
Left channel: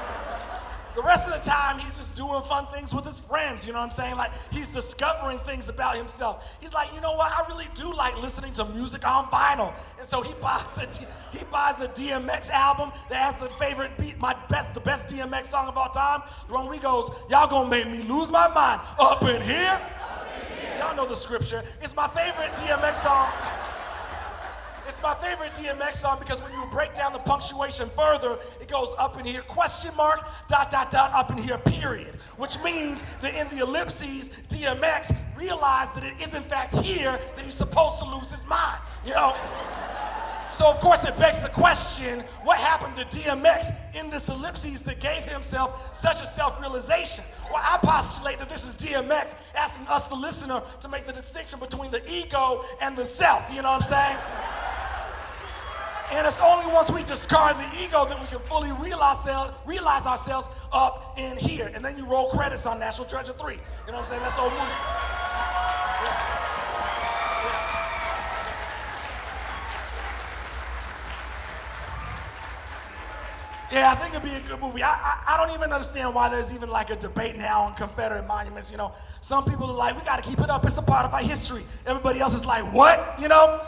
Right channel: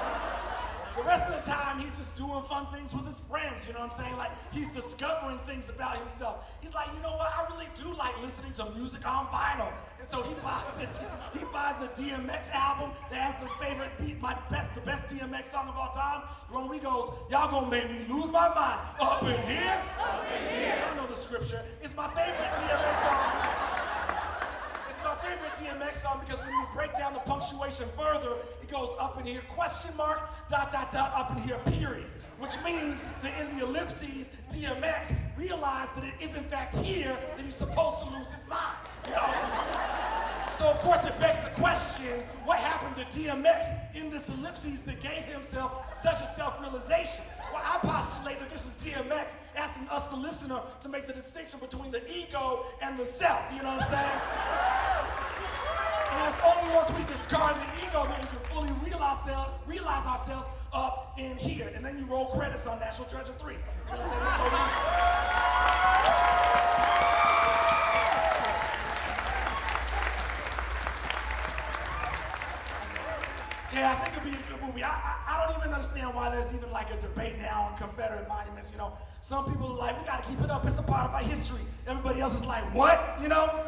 the rest of the time, he's just doing fun things with his friends, you know what I'm saying? Like, he's discovering things about himself. He's like, you know what? I really do like listening to music on vinyl. And so he buys a DMX album that has the favorite beat, the best DMX song of all time. The one where he goes, y'all gonna make me lose my mind up in here. Y'all know the scripture. It's my favorite DMX song. It's my favorite DMX song because when you break down the punctuation further, it goes up in here, question mark, dot, dot, dot, up in here, period. Which means that in the ellipses, DMX realized that it is in fact here that he's supposed to lose his mind, you know? So of course it begs the question, what happened to DMX in this ellipses that gave himself such a self-realization? Well, I postulate that this is DMX asking us, the listener, to make the distinction between the ego and the self, you know what I'm saying? And it's only once we discard the ego that we can fully realize ourselves up in here. And then you roll credits on National Treasure 3. You know what I'm saying? That's all we Yeah, I think it'd be a good movie. I don't even understand why there's even like a debate now on Confederate monuments, you know. Some people are like, we gotta keep it up, it's a part of our history. Everybody else is like, what, you know?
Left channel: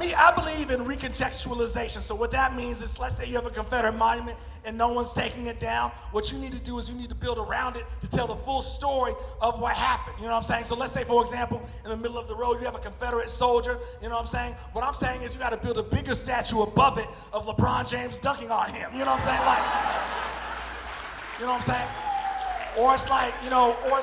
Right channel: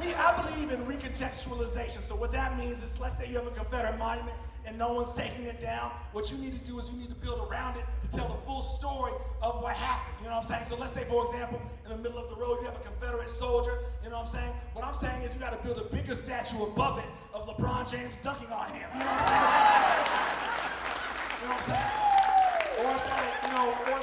Me, I believe in recontextualization. So what that means is, let's say you have a Confederate monument and no one's taking it down. What you need to do is you need to build around it to tell the full story of what happened. You know what I'm saying? So let's say, for example, in the middle of the road, you have a Confederate soldier. You know what I'm saying? What I'm saying is you got to build a bigger statue above it of LeBron James dunking on him. You know what I'm saying? You know what I'm saying? Or it's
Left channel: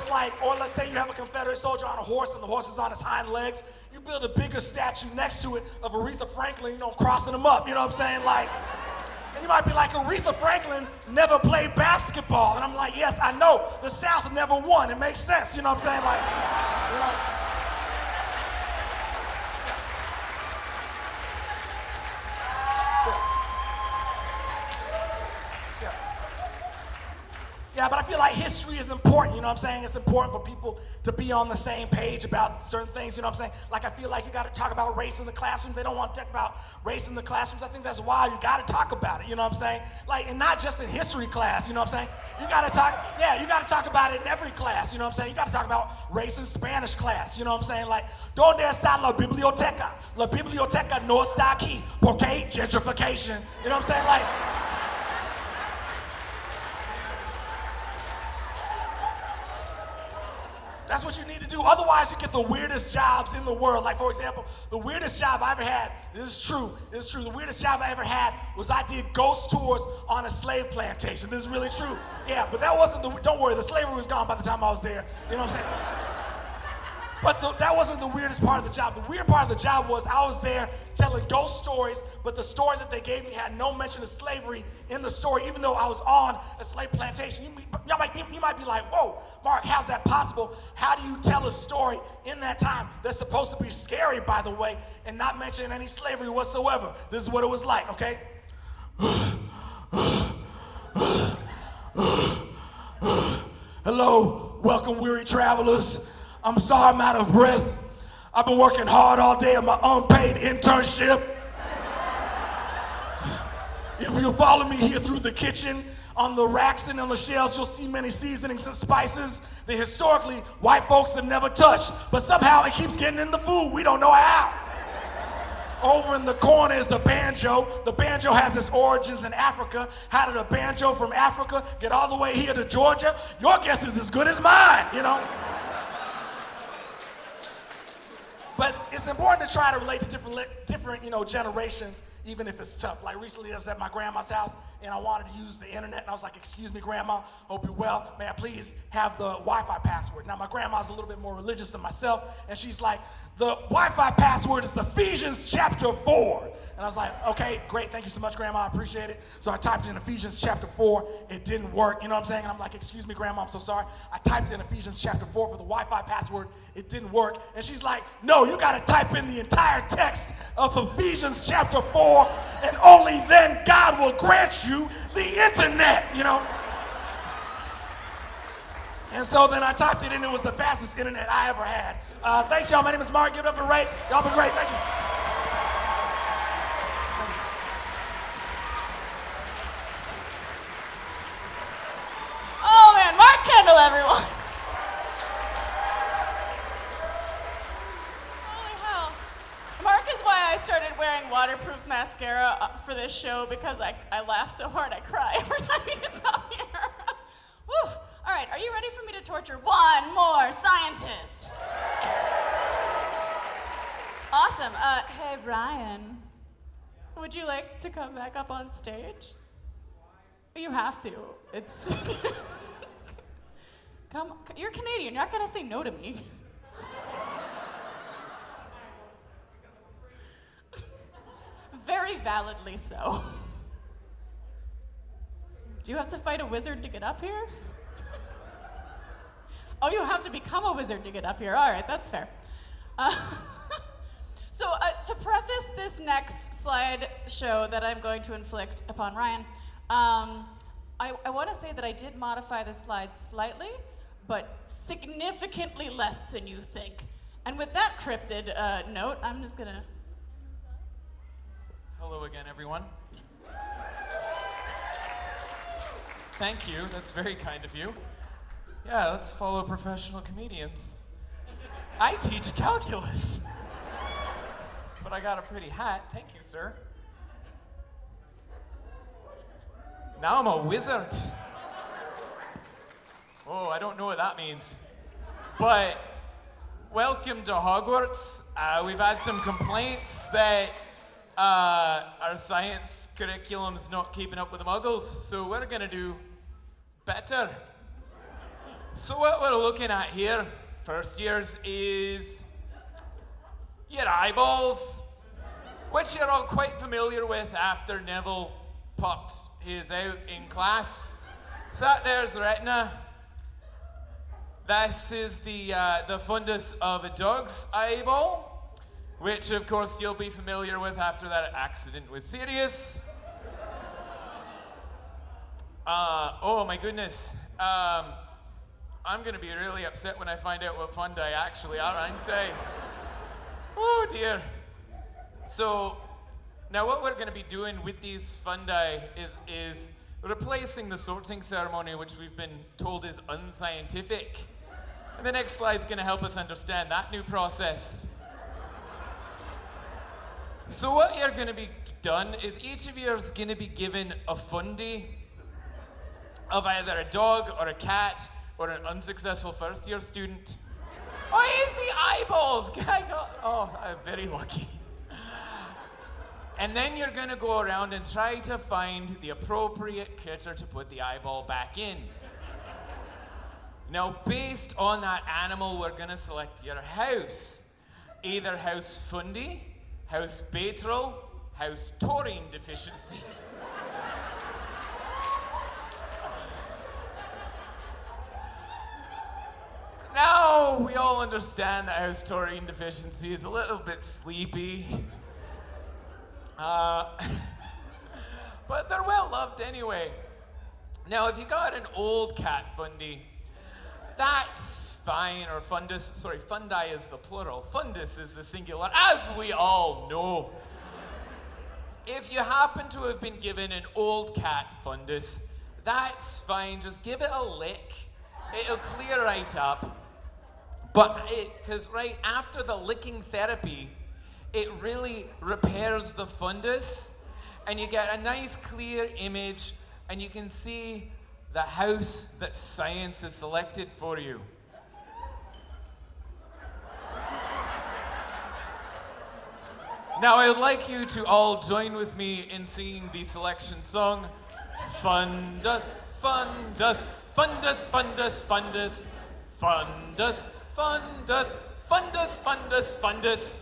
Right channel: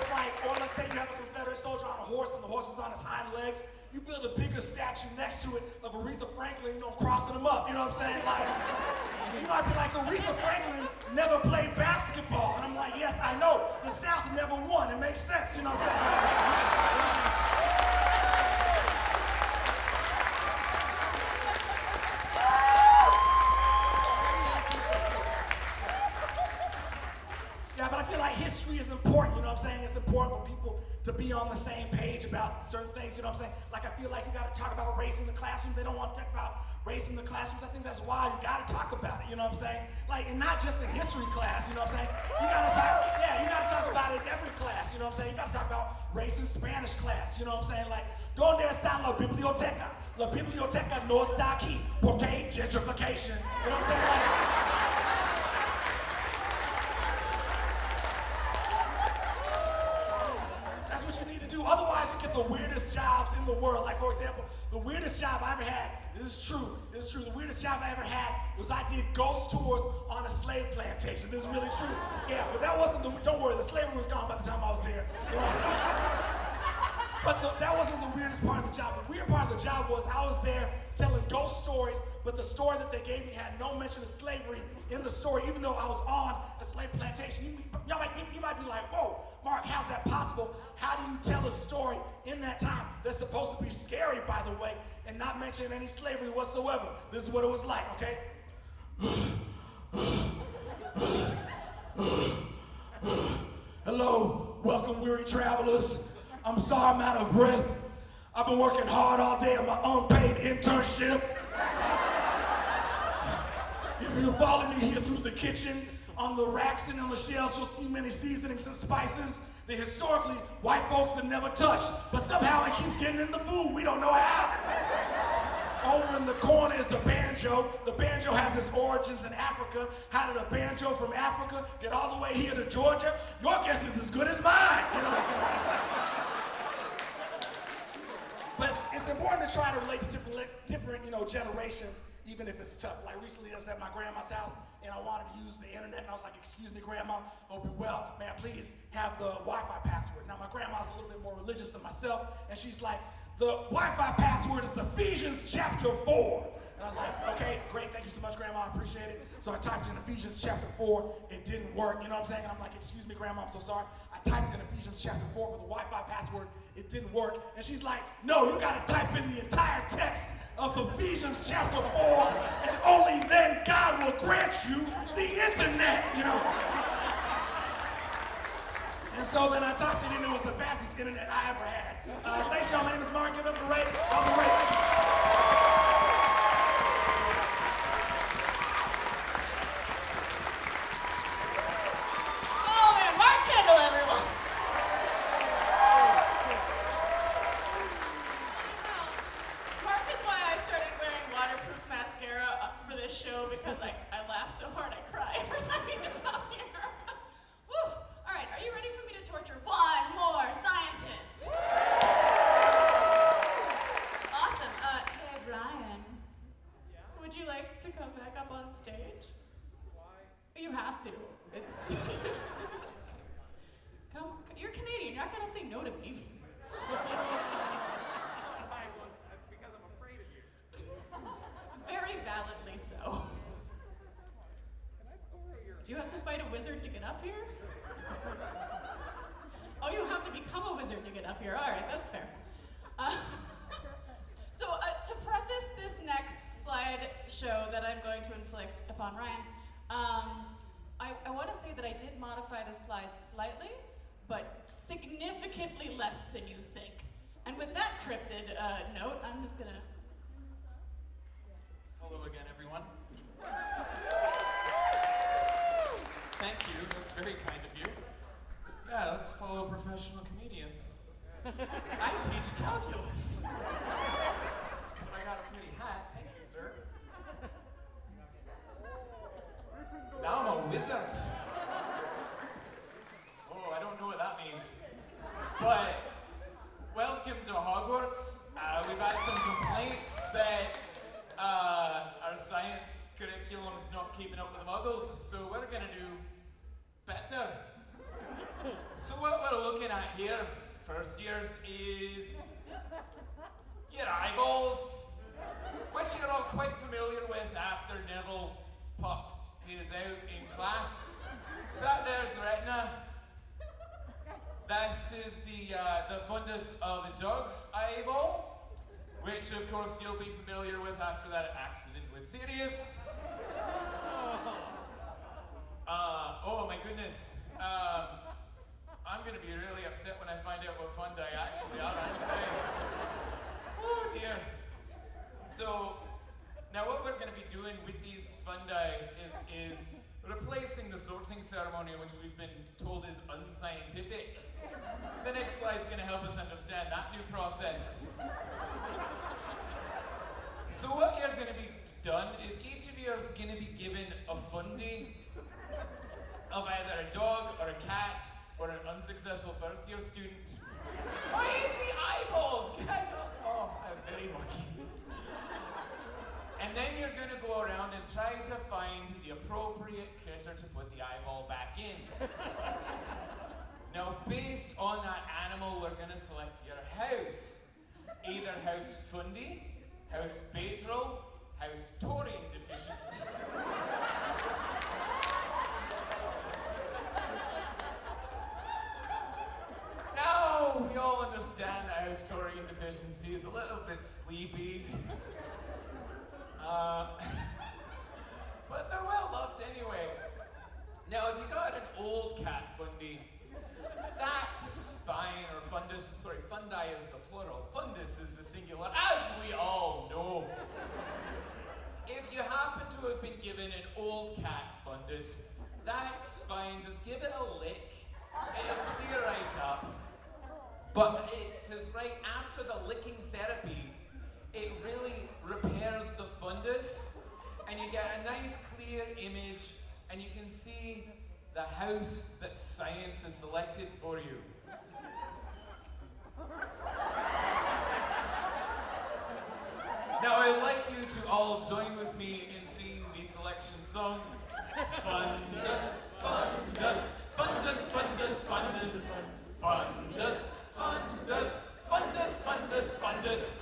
like, or let's say you have a Confederate soldier on a horse and the horse is on his hind legs. You build a bigger statue next to it of Aretha Franklin, you know, crossing them up. You know what I'm saying? Like, you might be like, Aretha Franklin never played basketball. And I'm like, yes, I know. The South never won. It makes sense. You know what I'm saying? Like, you know. Yeah, but I feel like history is important, you know what I'm saying? It's important for people to be on the same page about certain things, you know what I'm saying? Like, I feel like you gotta talk about race in the classroom. They don't want to talk about race in the classrooms. I think that's why you gotta talk about it, you know what I'm saying? Like, and not just in history class, you know what I'm saying? You gotta talk about it in every class, you know what I'm saying? You gotta talk about race in Spanish class, you know what I'm saying? Like, ¿Dónde está la biblioteca? La biblioteca no está aquí, porque gentrification, you know what I'm saying? Like, that's what you need to do. Otherwise, you get the weirdest jobs in the world. Like, for example, the weirdest job I ever had, this is true, the weirdest job I ever had was I did ghost tours on a slave plantation. This is really true. Yeah, but that wasn't don't worry, the slavery was gone by the time I was there. You know what I'm saying? But that wasn't the weirdest part of the job. The weird part of the job was I was there telling ghost stories, but the story that they gave me had no mention of slavery in the story, even though I was on a slave plantation. You might be like, whoa, Mark, how's that possible? How do you tell a story in that time that's supposed to be scary, by the way, and not mention any slavery whatsoever? This is what it was like, okay? Hello, welcome, weary travelers. I'm sorry I'm out of breath. I've been working hard all day on my unpaid internship. If you follow me here through the kitchen, on the racks and on the shelves, you'll see many seasonings and spices that historically white folks have never touched. But somehow it keeps getting in the food. We don't know how. Over in the corner is the banjo. The banjo has its origins in Africa. How did a banjo from Africa get all the way here to Georgia? Your guess is as good as mine, you know? But it's important to try to relate to different, you know, generations, even if it's tough. Like recently I was at my grandma's house and I wanted to use the internet and I was like, excuse me, grandma, hope you're well. May I please have the Wi-Fi password? Now my grandma's a little bit more religious than myself and she's like, the Wi-Fi password is Ephesians chapter 4. And I was like, okay, great, thank you so much, Grandma, I appreciate it. So I typed in Ephesians chapter 4, it didn't work, you know what I'm saying? And I'm like, excuse me, Grandma, I'm so sorry. I typed in Ephesians chapter 4 for the Wi-Fi password, it didn't work. And she's like, no, you gotta type in the entire text of Ephesians chapter 4, and only then God will grant you the internet, you know? And so then I typed it in, it was the fastest internet I ever had. Thanks, y'all, my name is Mark, give it up for Ray. Y'all been great, thank you. Kendall, everyone. Holy hell. Mark is why I started wearing waterproof mascara for this show because I laugh so hard I cry every time he gets up here. Woo. All right, are you ready for me to torture one more scientist? Awesome. Hey, Brian. like to come back up on stage? Why? You have to. It's. Come, you're Canadian. You're not gonna say no to me. Very validly so. Do you have to fight a wizard to get up here? Oh, you have to become a wizard to get up here. All right, that's fair. So to preface this next slide show that I'm going to inflict upon Ryan, I want to say that I did modify the slides slightly, but significantly less than you think. And with that cryptid note, I'm just gonna. Hello again, everyone. Thank you, that's very kind of you. Yeah, let's follow professional comedians. I teach calculus. But I got a pretty hat, thank you, sir. Now I'm a wizard. Oh, I don't know what that means. But welcome to Hogwarts. We've had some complaints that our science curriculum's not keeping up with the muggles, so we're gonna do better. So what we're looking at here, first years, is your eyeballs, which you're all quite familiar with after Neville popped his out in class. So that there's the retina. This is the fundus of a dog's eyeball, which of course you'll be familiar with after that accident was serious. Oh my goodness. I'm gonna be really upset when I find out what fundi actually are, aren't I? Oh dear. So, now what we're gonna be doing with these fundi is replacing the sorting ceremony, which we've been told is unscientific. And the next slide's gonna help us understand that new process. So what you're gonna be done is each of you is gonna be given a fundi of either a dog or a cat or an unsuccessful first year student. Oh, here's the eyeballs! I'm very lucky. And then you're gonna go around and try to find the appropriate critter to put the eyeball back in. Now, based on that animal, we're gonna select your house. Either House Fundi, House Bateral, House taurine deficiency. Now, we all understand that House taurine deficiency is a little bit sleepy. But they're well loved anyway. Now, if you got an old cat fundi, that's fine, or fundus. Sorry, fundi is the plural. Fundus is the singular, as we all know. If you happen to have been given an old cat fundus, that's fine. Just give it a lick. It'll clear right up. But because right after the licking therapy, it really repairs the fundus, and you get a nice clear image, and you can see the house that science has selected for you. Now I'd like you to all join with me in singing the selection song, Fundus, Fundus, Fundus, Fundus, Fundus, Fundus, Fundus, Fundus, Fundus, Fundus.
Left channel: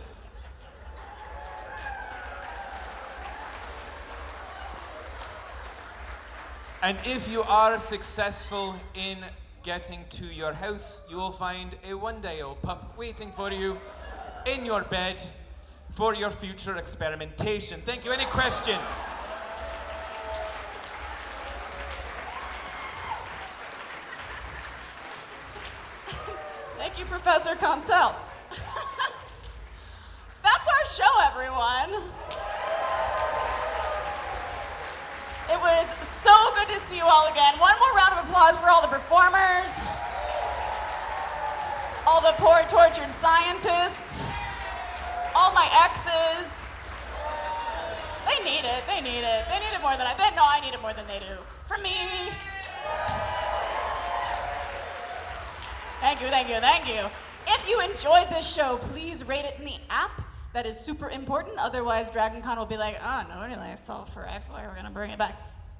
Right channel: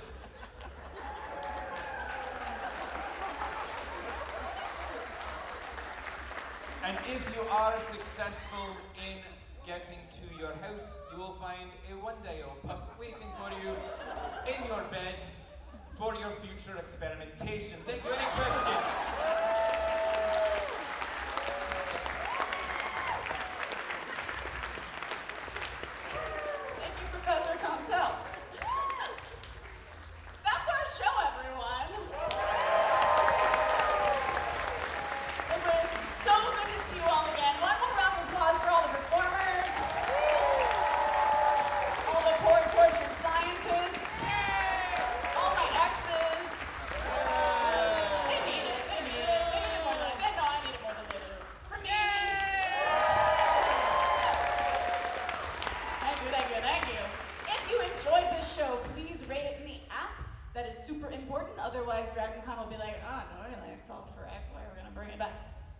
And if you are successful in getting to your house, you will find a one-day-old pup waiting for you in your bed for your future experimentation. Thank you. Any questions? Thank you, Professor Consell. That's our show, everyone. It was so good to see you all again. One more round of applause for all the performers, all the poor tortured scientists, all my exes. They need it, they need it. They need it more than I need it more than they do. For me. Thank you, thank you, thank you. If you enjoyed this show, please rate it in the app That is super important. Otherwise, DragonCon will be like, oh, nobody likes Solve for X. Why are we going to bring it back?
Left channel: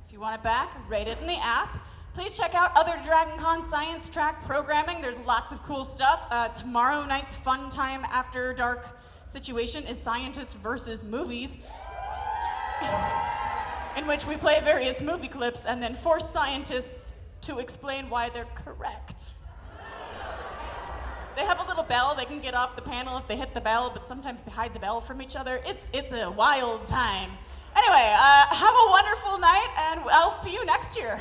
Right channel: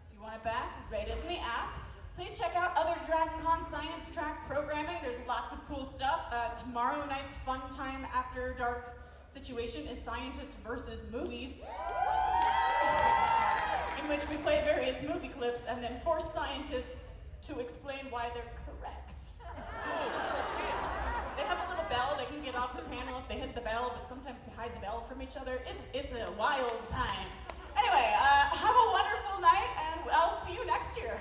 If you want it back, rate it in the app. Please check out other DragonCon science track programming. There's lots of cool stuff. Tomorrow night's fun time after dark situation is Scientists versus Movies, in which we play various movie clips and then force scientists to explain why they're correct. They have a little bell. They can get off the panel if they hit the bell, but sometimes they hide the bell from each other. It's a wild time. Anyway, have a wonderful night, and I'll see you next year.